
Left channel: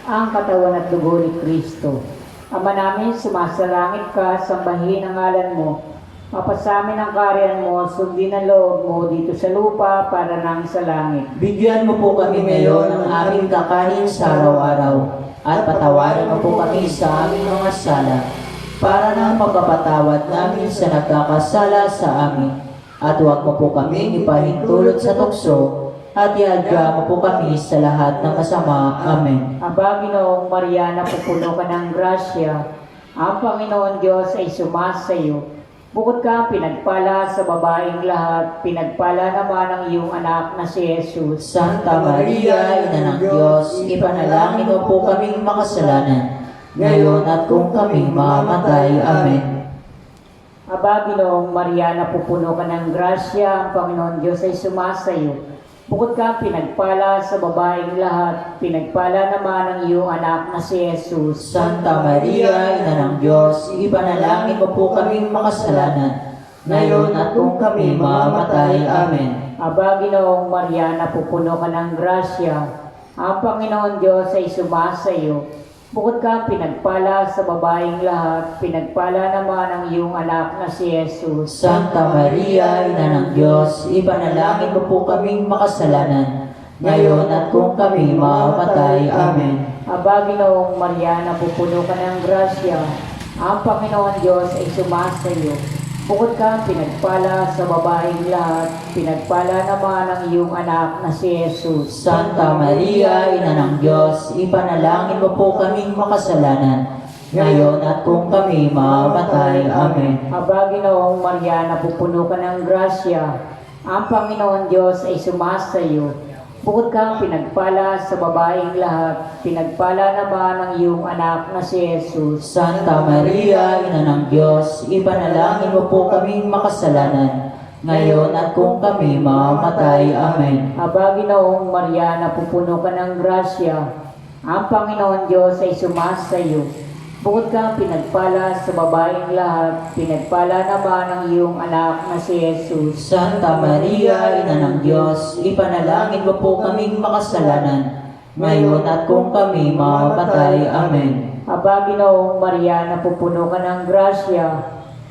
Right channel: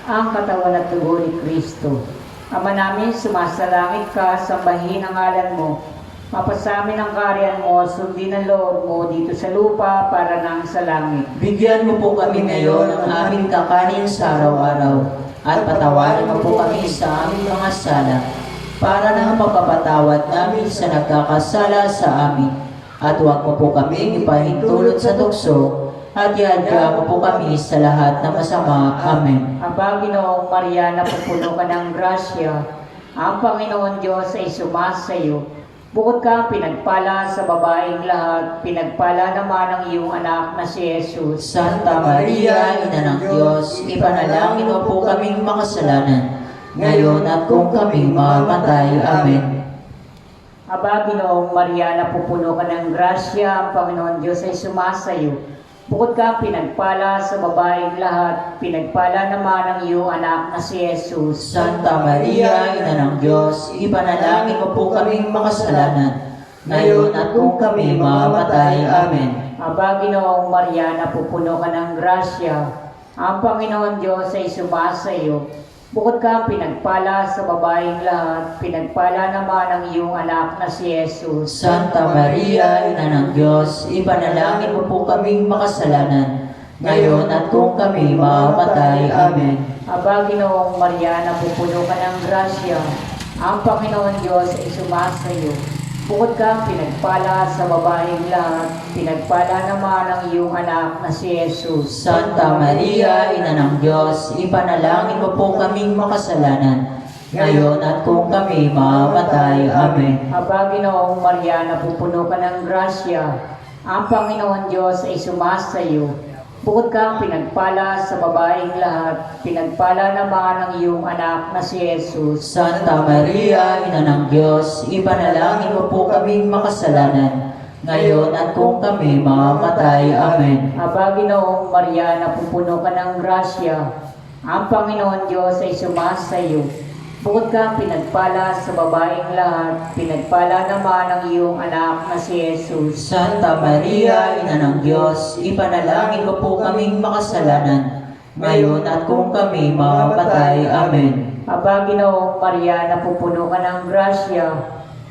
ang katawan at dugo ni Kristo. Ama namin, sumasalangit ka, sambahin ang ngalan mo. Mapasamin ang kaharian mo, sundin ang loob mo dito sa lupa para nang sa langit. Bigyan mo po kami ngayon ng aming kakanin sa araw-araw at patawarin mo po kami sa aming mga sala para na mapapatawad namin sa nagkakasala sa amin. At huwag mo po kami ipahintulot sa tukso at iadya mo po kami sa lahat ng masama. Amen. Aba, Ginoong Maria, napupuno ka ng grasya, ang Panginoon Diyos ay sumasayo. Bukod ka pinagpala sa babaeng lahat, pinagpala naman ang iyong anak na si Jesus. Santa Maria, Ina ng Diyos, ipanalangin mo po kaming makasalanan, ngayon at kung kami mamamatay. Amen. Aba, Ginoong Maria, napupuno ka ng grasya, ang Panginoon Diyos ay sumasayo. Bukod ka pinagpala sa babaeng lahat, pinagpala naman ang iyong anak na si Jesus. Santa Maria, Ina ng Diyos, ipanalangin mo po kaming makasalanan, ngayon at kung kami mamamatay. Amen. Aba, Ginoong Maria, napupuno ka ng grasya, ang Panginoon Diyos ay sumasayo. Bukod ka pinagpala sa babaeng lahat, pinagpala naman ang iyong anak na si Jesus. Santa Maria, Ina ng Diyos, ipanalangin mo po kaming makasalanan, ngayon at kung kami mamamatay. Amen. Aba, Ginoong Maria, napupuno ka ng grasya, ang Panginoon Diyos ay sumasayo. Bukod ka pinagpala sa babaeng lahat, pinagpala naman ang iyong anak na si Jesus. Santa Maria, Ina ng Diyos, ipanalangin mo po kaming makasalanan, ngayon at kung kami mamamatay. Amen. Aba, Ginoong Maria, napupuno ka ng grasya, ang Panginoon Diyos ay sumasayo. Bukod ka pinagpala sa babaeng lahat, pinagpala naman ang iyong anak na si Jesus. Santa Maria, Ina ng Diyos, ipanalangin mo po kaming makasalanan, ngayon at kung kami mamamatay. Amen. Aba, Ginoong Maria, napupuno ka ng grasya, ang Panginoon Diyos ay sumasayo. Bukod ka pinagpala sa babaeng lahat, pinagpala naman ang iyong anak na si Jesus. Santa Maria, Ina ng Diyos, ipanalangin mo po kaming makasalanan, ngayon at kung kami mamamatay. Amen. Aba, Ginoong Maria, napupuno ka ng grasya,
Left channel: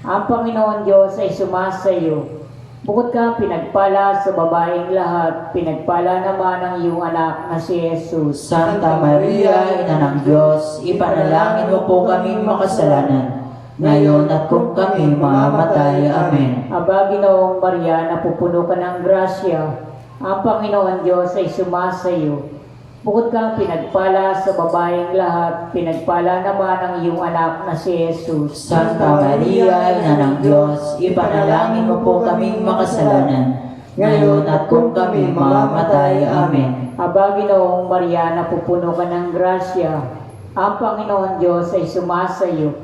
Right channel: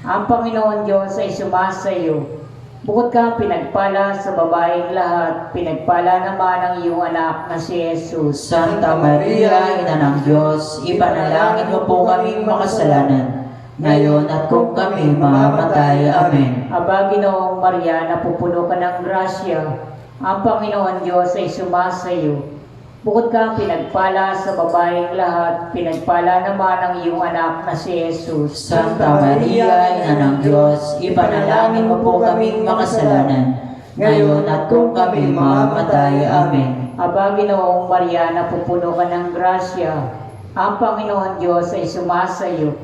ang Panginoon Diyos ay sumasayo. Bukod ka pinagpala sa babaeng lahat, pinagpala naman ang iyong anak na si Jesus. Santa Maria, Ina ng Diyos, ipanalangin mo po kaming makasalanan, ngayon at kung kami mamamatay. Amen. Aba, Ginoong Maria, napupuno ka ng grasya, ang Panginoon Diyos ay sumasayo. Bukod ka pinagpala sa babaeng lahat, pinagpala naman ang iyong anak na si Jesus. Santa Maria, Ina ng Diyos, ipanalangin mo po kaming makasalanan, ngayon at kung kami mamamatay. Amen. Aba, Ginoong Maria, napupuno ka ng grasya, ang Panginoon Diyos ay sumasayo.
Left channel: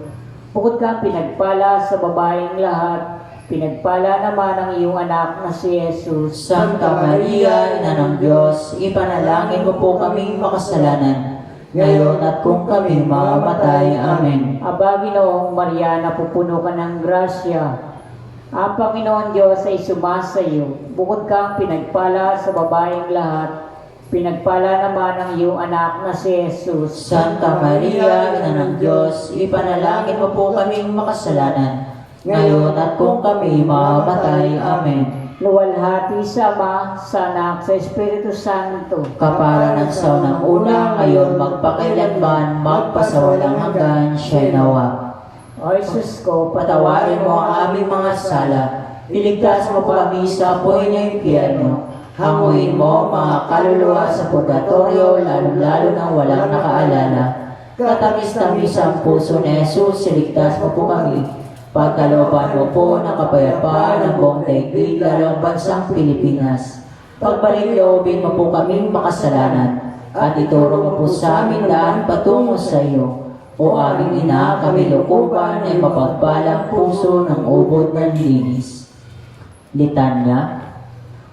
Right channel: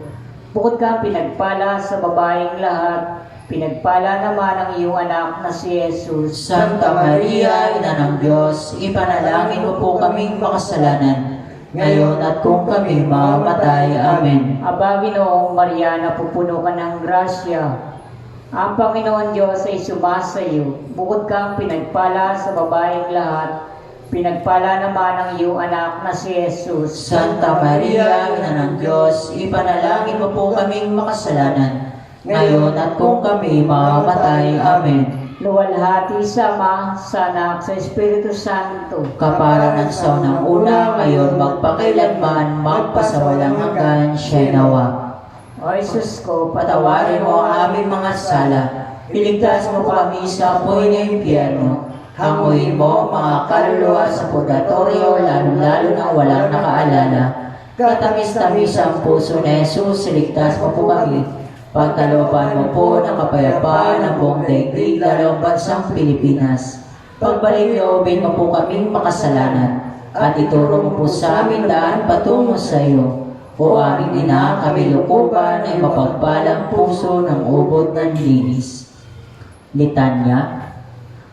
Bukod ka pinagpala sa babaeng lahat, pinagpala naman ang iyong anak na si Jesus. Santa Maria, Ina ng Diyos, ipanalangin mo po kaming makasalanan, ngayon at kung kami mamamatay. Amen. Aba, Ginoong Maria, napupuno ka ng grasya, ang Panginoon Diyos ay sumasayo. Bukod kang pinagpala sa babaeng lahat, pinagpala naman ang iyong anak na si Jesus. Santa Maria, Ina ng Diyos, ipanalangin mo po kaming makasalanan, ngayon at kung kami mamamatay. Amen. Luwalhati sa Ama, sa Anak, sa Espiritu Santo. Kapara ng sa unang una, ngayon magpakailanman, magpasawalang hanggan. Siya'y nawa. O Jesus ko, Patawarin mo ang aming mga sala, iligtas mo kami sa apoy ng impyerno, hanguin mo mga kaluluwa sa purgatorio, lalo-lalo na walang nakaalala. Katamis-tamis ang puso na Jesus, iligtas mo po kami. Pagkalooban mo po ng kapayapaan ng buong daigdig, lalo ang bansang Pilipinas. Pagbalik loobin mo po kaming makasalanan, at ituro mo po sa amin daan patungo sa iyo. O aming ina, kami lukuban ay mapagpalang puso ng ubod ng linis. Litanya,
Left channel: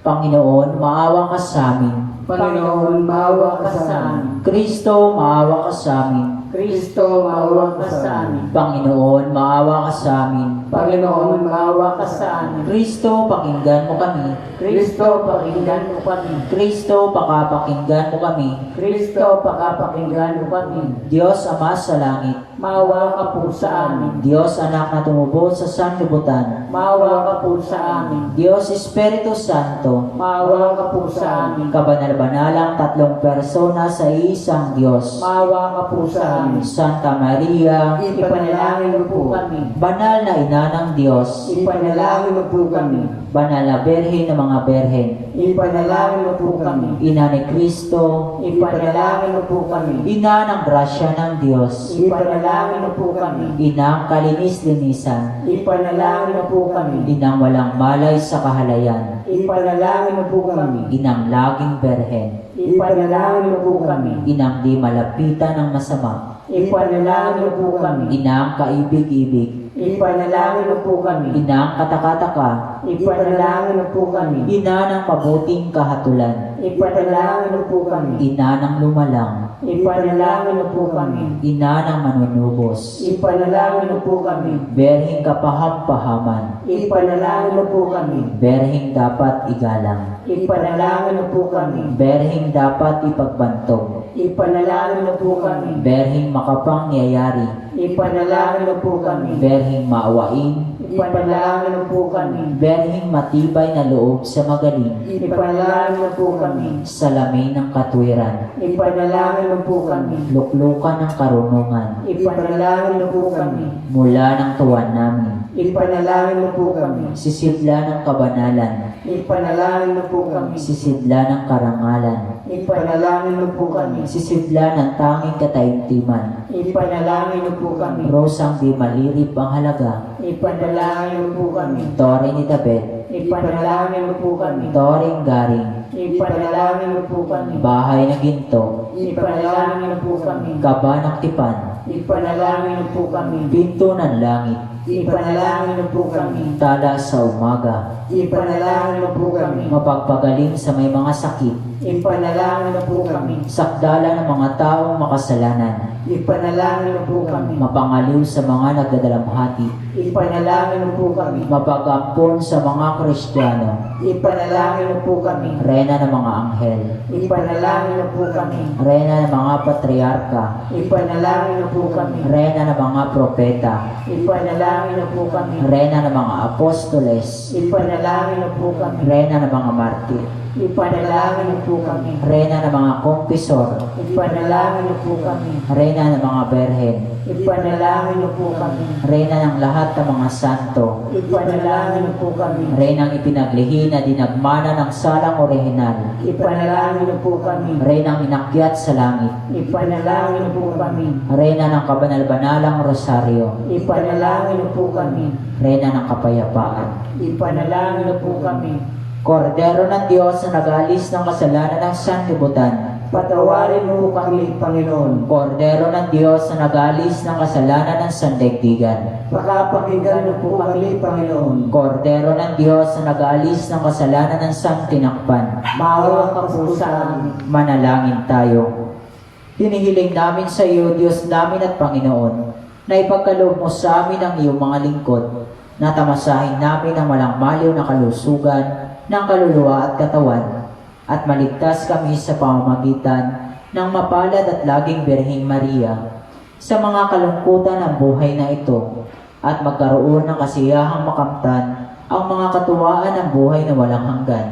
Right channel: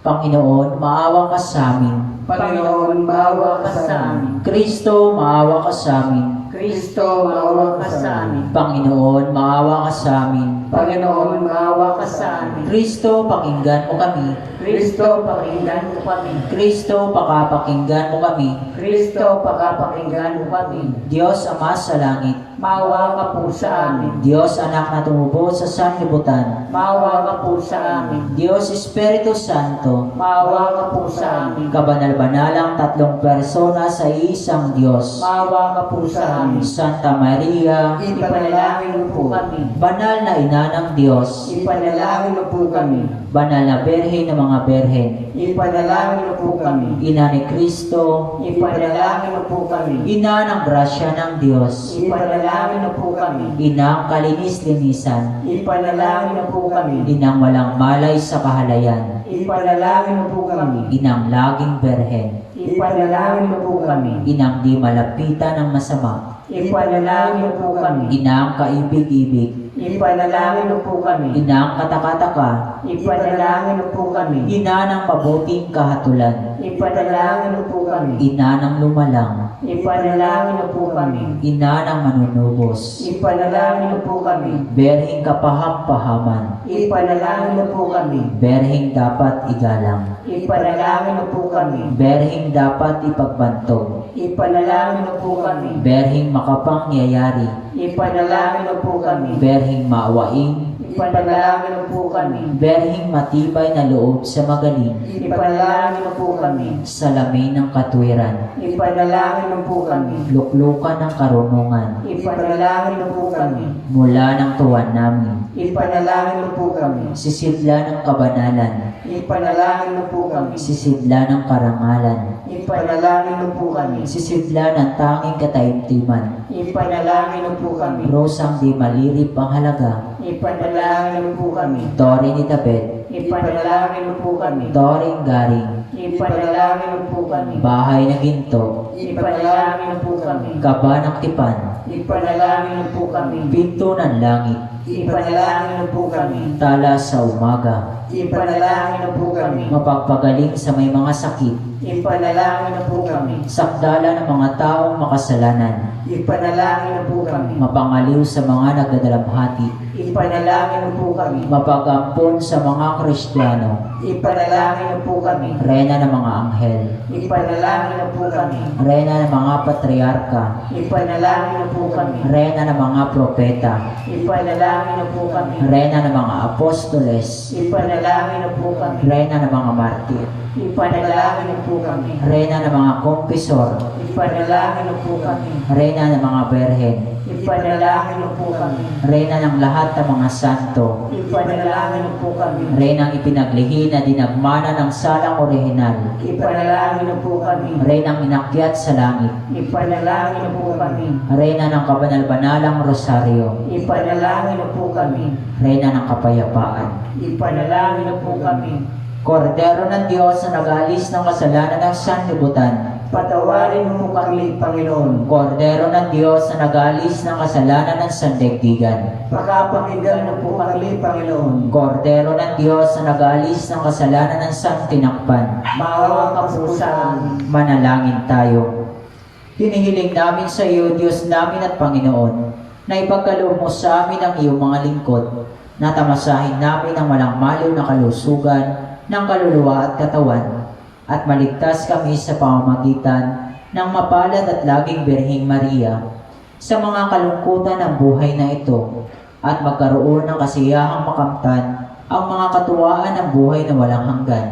Panginoon, maawa ka sa amin. Panginoon, maawa ka sa amin. Kristo, maawa ka sa amin. Kristo, maawa ka sa amin. Panginoon, maawa ka sa amin. Panginoon, maawa ka sa amin. Kristo, pakinggan mo kami. Kristo, pakinggan mo kami. Kristo, pakapakinggan mo kami. Kristo, pakapakinggan mo kami. Diyos Ama sa langit, Maawa ka po sa amin. Diyos Anak na tumubo sa sanlibutan, Maawa ka po sa amin. Diyos Espiritu Santo, Maawa ka po sa amin. kabanal-banalang tatlong persona sa isang Diyos. Maawa ka po sa amin. Santa Maria, Ipanalangin mo po kami. banal na ina ng Diyos, Ipanalangin mo po kami. banal na berhen ng mga berhen, Ipanalangin mo po kami. ina ni Kristo, Ipanalangin mo po kami. ina ng grasya ng Diyos, Ipanalangin mo po kami. inang kalinis-linisan, Ipanalangin mo po kami. inang walang malay sa kahalayan, Ipanalangin mo po kami. inang laging berhen, Ipanalangin mo po kami. inang di malapitan ng masama, Ipanalangin mo po kami. inang kaibig-ibig, Ipanalangin mo po kami. inang katakataka, Ipanalangin mo po kami. ina ng mabuting kahatulan, Ipanalangin mo po kami. ina ng lumalang, Ipanalangin mo po kami. ina ng manunubos, Ipanalangin mo po kami. berhing kapaham-pahaman, Ipanalangin mo po kami. berhing dapat igalang, Ipanalangin mo po kami. berhing dapat ipagbantog, Ipanalangin mo po kami. berhing makapangyayari, Ipanalangin mo po kami. berhing maawain, Ipanalangin mo po kami. berhing matibay na loob sa magaling, Ipanalangin mo po kami. salamin ng katwiran, Ipanalangin mo po kami. luklukan ng karunungan, Ipanalangin mo po kami. mula ng tuwan namin, Ipanalangin mo po kami. sisidla ng kabanalan, Ipanalangin mo po kami. sisidla ng karangalan, Ipanalangin mo po kami. sisidla ng tanging kataimtiman, Ipanalangin mo po kami. rosang di malirip ang halaga, Ipanalangin mo po kami. tore ni David, Ipanalangin mo po kami. toreng garing, Ipanalangin mo po kami. bahay na ginto, Ipanalangin mo po kami. kaba ng tipan, Ipanalangin mo po kami. pinto ng langit, Ipanalangin mo po kami. tala sa umaga, Ipanalangin mo po kami. mapagpagaling sa may mga sakit, Ipanalangin mo po kami. sakdala ng mga taong makasalanan, Ipanalangin mo po kami. mapangaliw sa mga nagdadalamhati, Ipanalangin mo po kami. mapagampon sa mga Kristiyano, Ipanalangin mo po kami. rena ng mga anghel, Ipanalangin mo po kami. rena ng mga patriarka, Ipanalangin mo po kami. rena ng mga propeta, Ipanalangin mo po kami. rena ng mga apostoles, Ipanalangin mo po kami. rena ng mga martir, Ipanalangin mo po kami. rena ng mga kumpisor, Ipanalangin mo po kami. rena ng mga berhen, Ipanalangin mo po kami. rena ng lahat ng mga santo, Ipanalangin mo po kami. renang ipinaglihi na dinagmana ng salang orihinal, Ipanalangin mo po kami. renang inakyat sa langit, Ipanalangin mo po kami. rena ng kabanal-banalang rosaryo, Ipanalangin mo po kami. rena ng kapayapaan. Ipanalangin mo po kami. Kordero ng Diyos na nag-alis ng kasalanan ng sanlibutan, Patawarin mo po kami, Panginoon. Kordero ng Diyos na nag-alis ng kasalanan ng sandaigdigan, Pakapakinggan mo po kami, Panginoon. Kordero ng Diyos na nag-alis ng kasalanan ng santinakpan, Maawa ka po sa amin. manalangin tayo. Hinihiling namin sa iyo, Diyos namin at Panginoon, na ipagkaloob mo sa amin ang iyong mga lingkod, na tamasahin namin ang walang maliw na kalusugan ng kaluluwa at katawan, at maligtas kami sa pamamagitan ng mapalad at laging Birheng Maria sa mga kalungkutan ng buhay na ito, at magkaroon ng kasiyahang makamtan ang mga katuwaan ng buhay na walang hanggan.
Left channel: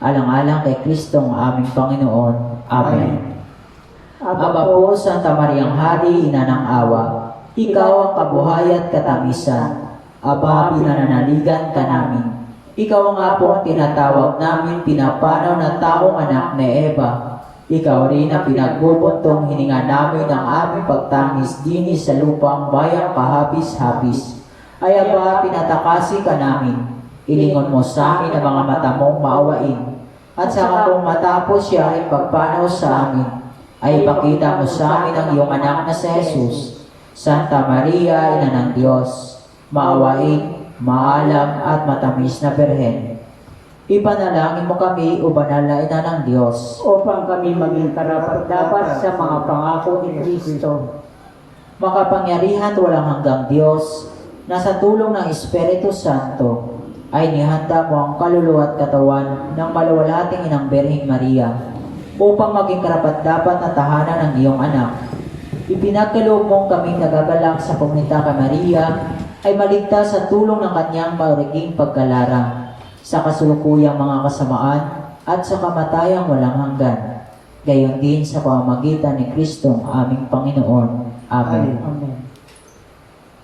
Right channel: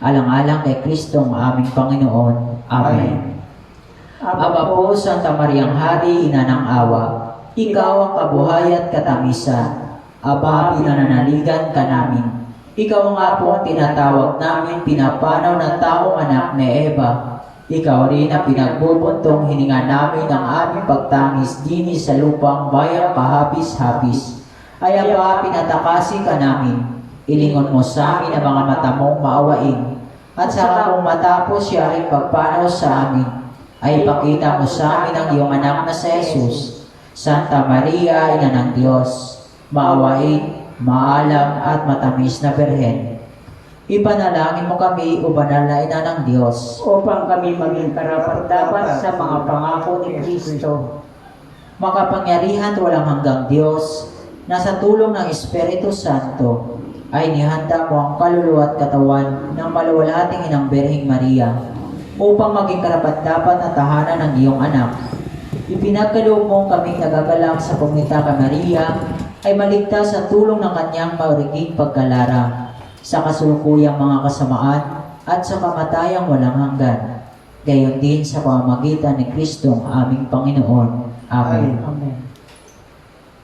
Alang-alang kay Kristong aming Panginoon. Amen. Aba po, Santa Mariang Hari, Ina ng Awa, Ikaw ang kabuhay at katamisan. Aba, pinananaligan ka namin. Ikaw nga po ang tinatawag namin, pinapanaw ng taong anak ni Eva. Ikaw rin ang pinagbubuntong hininga namin ang aming pagtangis dini sa lupang bayang kahapis-hapis. Ay aba, pinatakasi ka namin. Ilingon mo sa amin ang mga mata mong maawain. At sa kung matapos siya ay pagpanaw sa amin, ay ipakita mo sa amin ang iyong anak na si Jesus. Santa Maria, Ina ng Diyos, maawain, maalam at matamis na Birhen, ipanalangin mo kami, o banal na Ina ng Diyos, Upang kami maging karapat-dapat sa mga pangako ni Kristo. makapangyarihan at walang hanggang Diyos, na sa tulong ng Espiritu Santo, ay nihanda mo ang kaluluwa at katawan ng maluwalhating Inang Birheng Maria, upang maging karapat-dapat na tahanan ng iyong anak. Ipinagkaloob mong kaming nagagalak sa pumita ka Maria, ay maligtas sa tulong ng kanyang mauriging pagkalarang, sa kasulukuyang mga kasamaan at sa kamatayang walang hanggan. Gayon din sa pamamagitan ni Kristong aming Panginoon. Amen. Amen.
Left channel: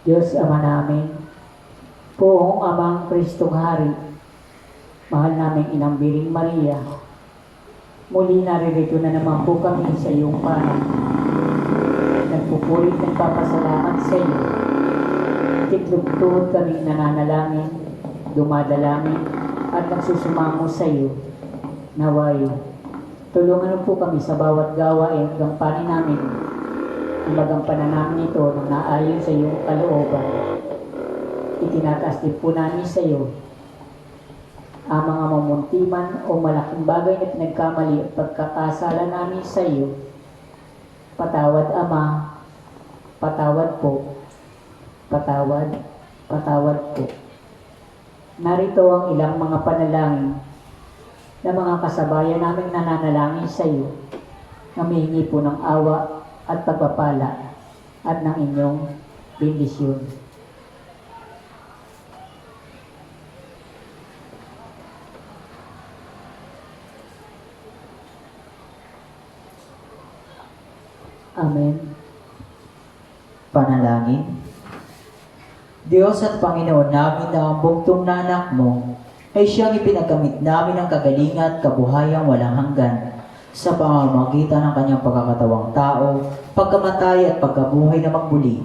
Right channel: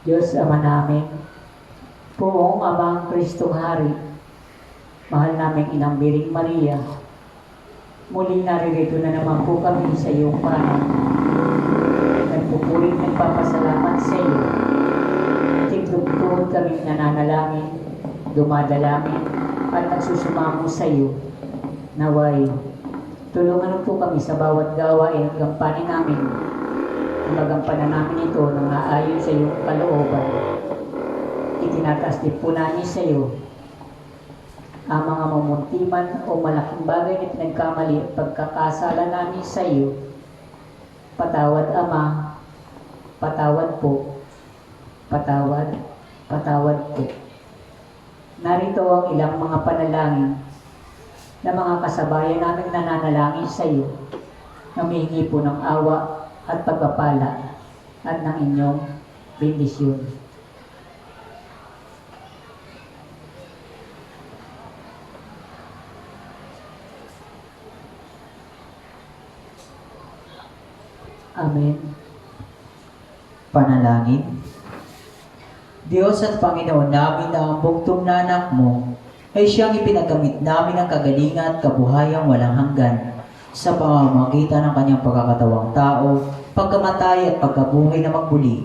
Diyos Ama namin, Poong Amang Kristong Hari, mahal naming Inang Birheng Maria, muli naririto na naman po kami sa iyong panang. Nagpupulit ng papasalamat sa iyo. Titlog-tuhod kaming nananalangin, dumadalangin, at nagsusumango sa iyo. Naway, tulungan po kami sa bawat gawain at gampanin namin. Ang magampanan namin ito nang naayon sa iyong kalooban. Itinataas din po namin sa iyo ang mga mamuntiman o malaking bagay na pinagkamali at pagkakasala namin sa iyo. Patawad, Ama. Patawad po. Patawad. Patawad po. Narito ang ilang mga panalangin na mga kasabayan naming nananalangin sa iyo. Namihingi po ng awa at pagpapala at ng inyong bendisyon. Amen. Panalangin. Diyos at Panginoon namin na ang bugtong na anak mo ay siyang ipinagamit namin ng kagalingan at kabuhayang walang hanggan sa pamamagitan ng kanyang pagkakatawang tao, pagkamatay at pagkabuhay na magbuli.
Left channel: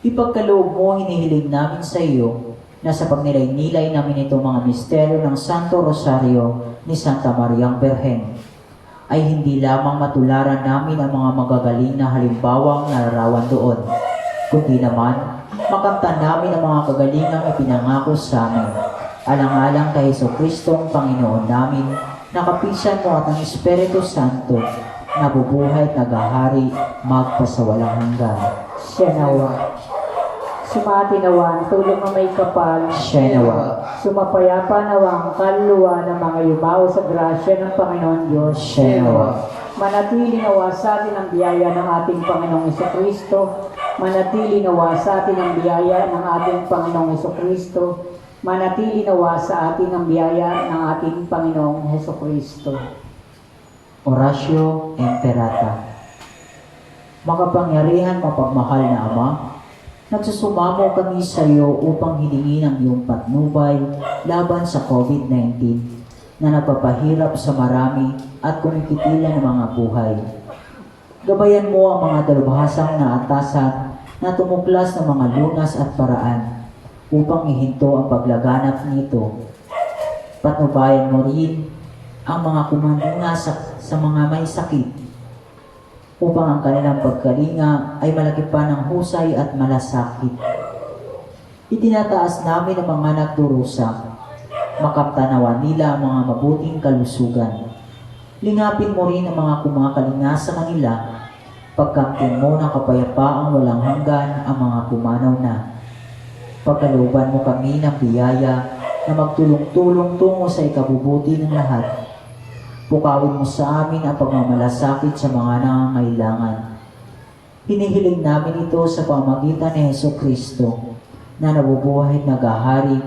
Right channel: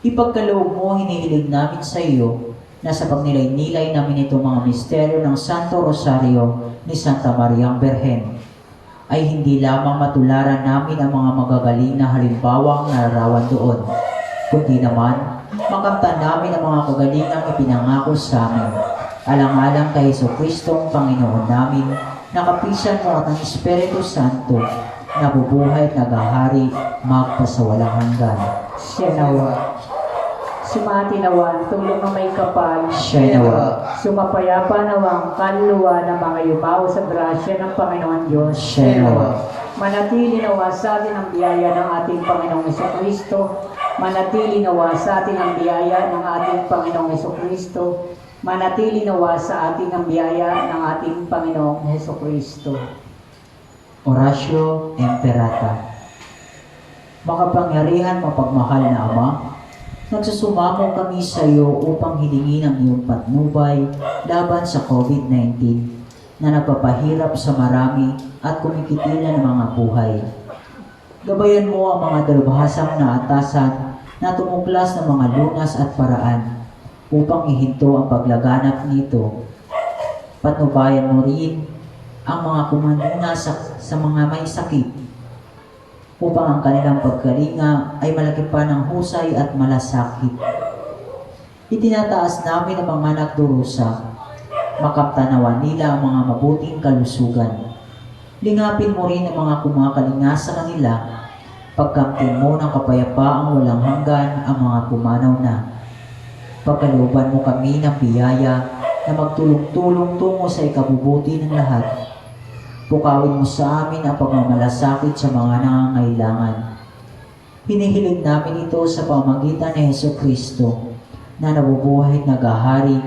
Ipagkaloob mo, hinihiling namin sa iyo na sa pagnilay-nilay namin itong mga misteryo ng Santo Rosario ni Santa Mariang Birhen, ay hindi lamang matularan namin ang mga magagaling na halimbawang nararawan doon, kundi naman makamtan namin ang mga kagalingang ipinangako sa amin. Alang-alang kay Jesucristong Panginoon namin, nakapisan mo at ng Espiritu Santo, nabubuhay at nagahari magpasawalang hanggan. Siya nawa. Sumati nawa ang tulong na may kapal. Siya nawa. Sumapayapa nawa ang kaluluwa ng mga yumao sa grasya ng Panginoon Diyos. Siya nawa. Manatili nawa sa atin ang biyaya ng ating Panginoong Jesucristo. Manatili nawa sa atin ang biyaya ng ating Panginoong Jesucristo. Manatili nawa sa atin ang biyaya ng ating Panginoong Jesucristo. Oratio Imperata. Makapangyarihan, mapagmahal na Ama, nagsusumamo kami sa iyo upang hilingin ang iyong patnubay laban sa COVID-19 na nagpapahirap sa marami at kumikitilan ng mga buhay. Gabayan mo ang mga dalubhasang na atasan na tumuklas ng mga lunas at paraan upang ihinto ang paglaganap nito. Patnubayan mo rin ang mga kumandunga sa mga may sakit upang ang kanilang pagkalinga ay malaki pa ng husay at malasakit. Itinataas namin ang mga nagdurusa, makamtanawan nila ang mga mabuting kalusugan. Lingapin mo rin ang mga kumakalinga sa kanila, pagkamtin mo ng kapayapaang walang hanggan ang mga pumanaw na. Pagkalooban mo kami ng biyaya na magtulong-tulong tungo sa ikabubuti ng lahat. Pukawin mo sa amin ang pagmamalasakit sa mga nangangailangan. Hinihiling namin ito sa pamamagitan ni Jesucristo na nabubuhay at nagahari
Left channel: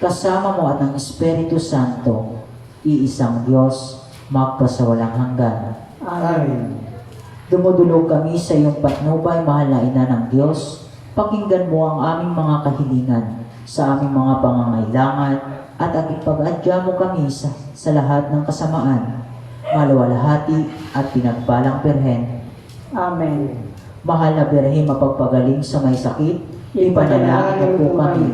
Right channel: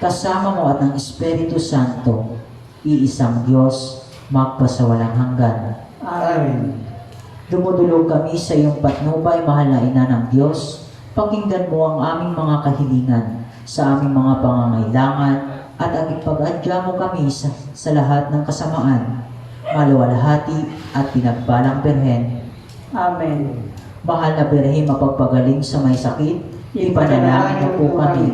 kasama mo at ng Espiritu Santo, iisang Diyos, magpasawalang hanggan. Amen. Dumudulog kami sa iyong patnubay, mahal na Ina ng Diyos. Pakinggan mo ang aming mga kahilingan sa aming mga pangangailangan at ipag-adya mo kami sa lahat ng kasamaan, maluwalhati at pinagpalang Birhen. Amen. Mahal na Birhen, mapagpagaling sa may sakit, ipanalangin mo po kami.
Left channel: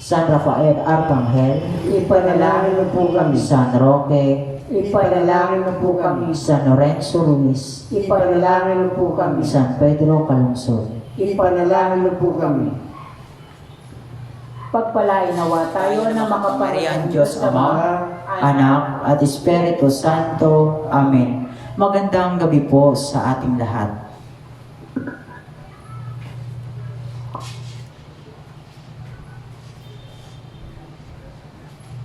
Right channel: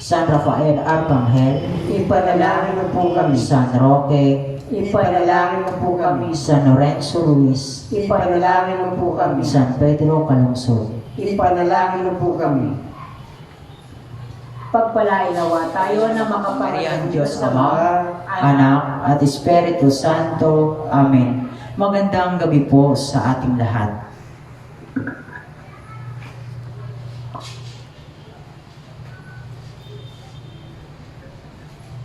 San Rafael Arcangel, Ipanalangin mo po kami. San Roque, Ipanalangin mo po kami. San Lorenzo Ruiz, Ipanalangin mo po kami. San Pedro Calungsod. ipanalangin niyo po kami. Pagpalain nawa tayo na Makapangyarihang Diyos Ama, Anak, at Espiritu Santo. Amen. Magandang gabi po sa ating lahat.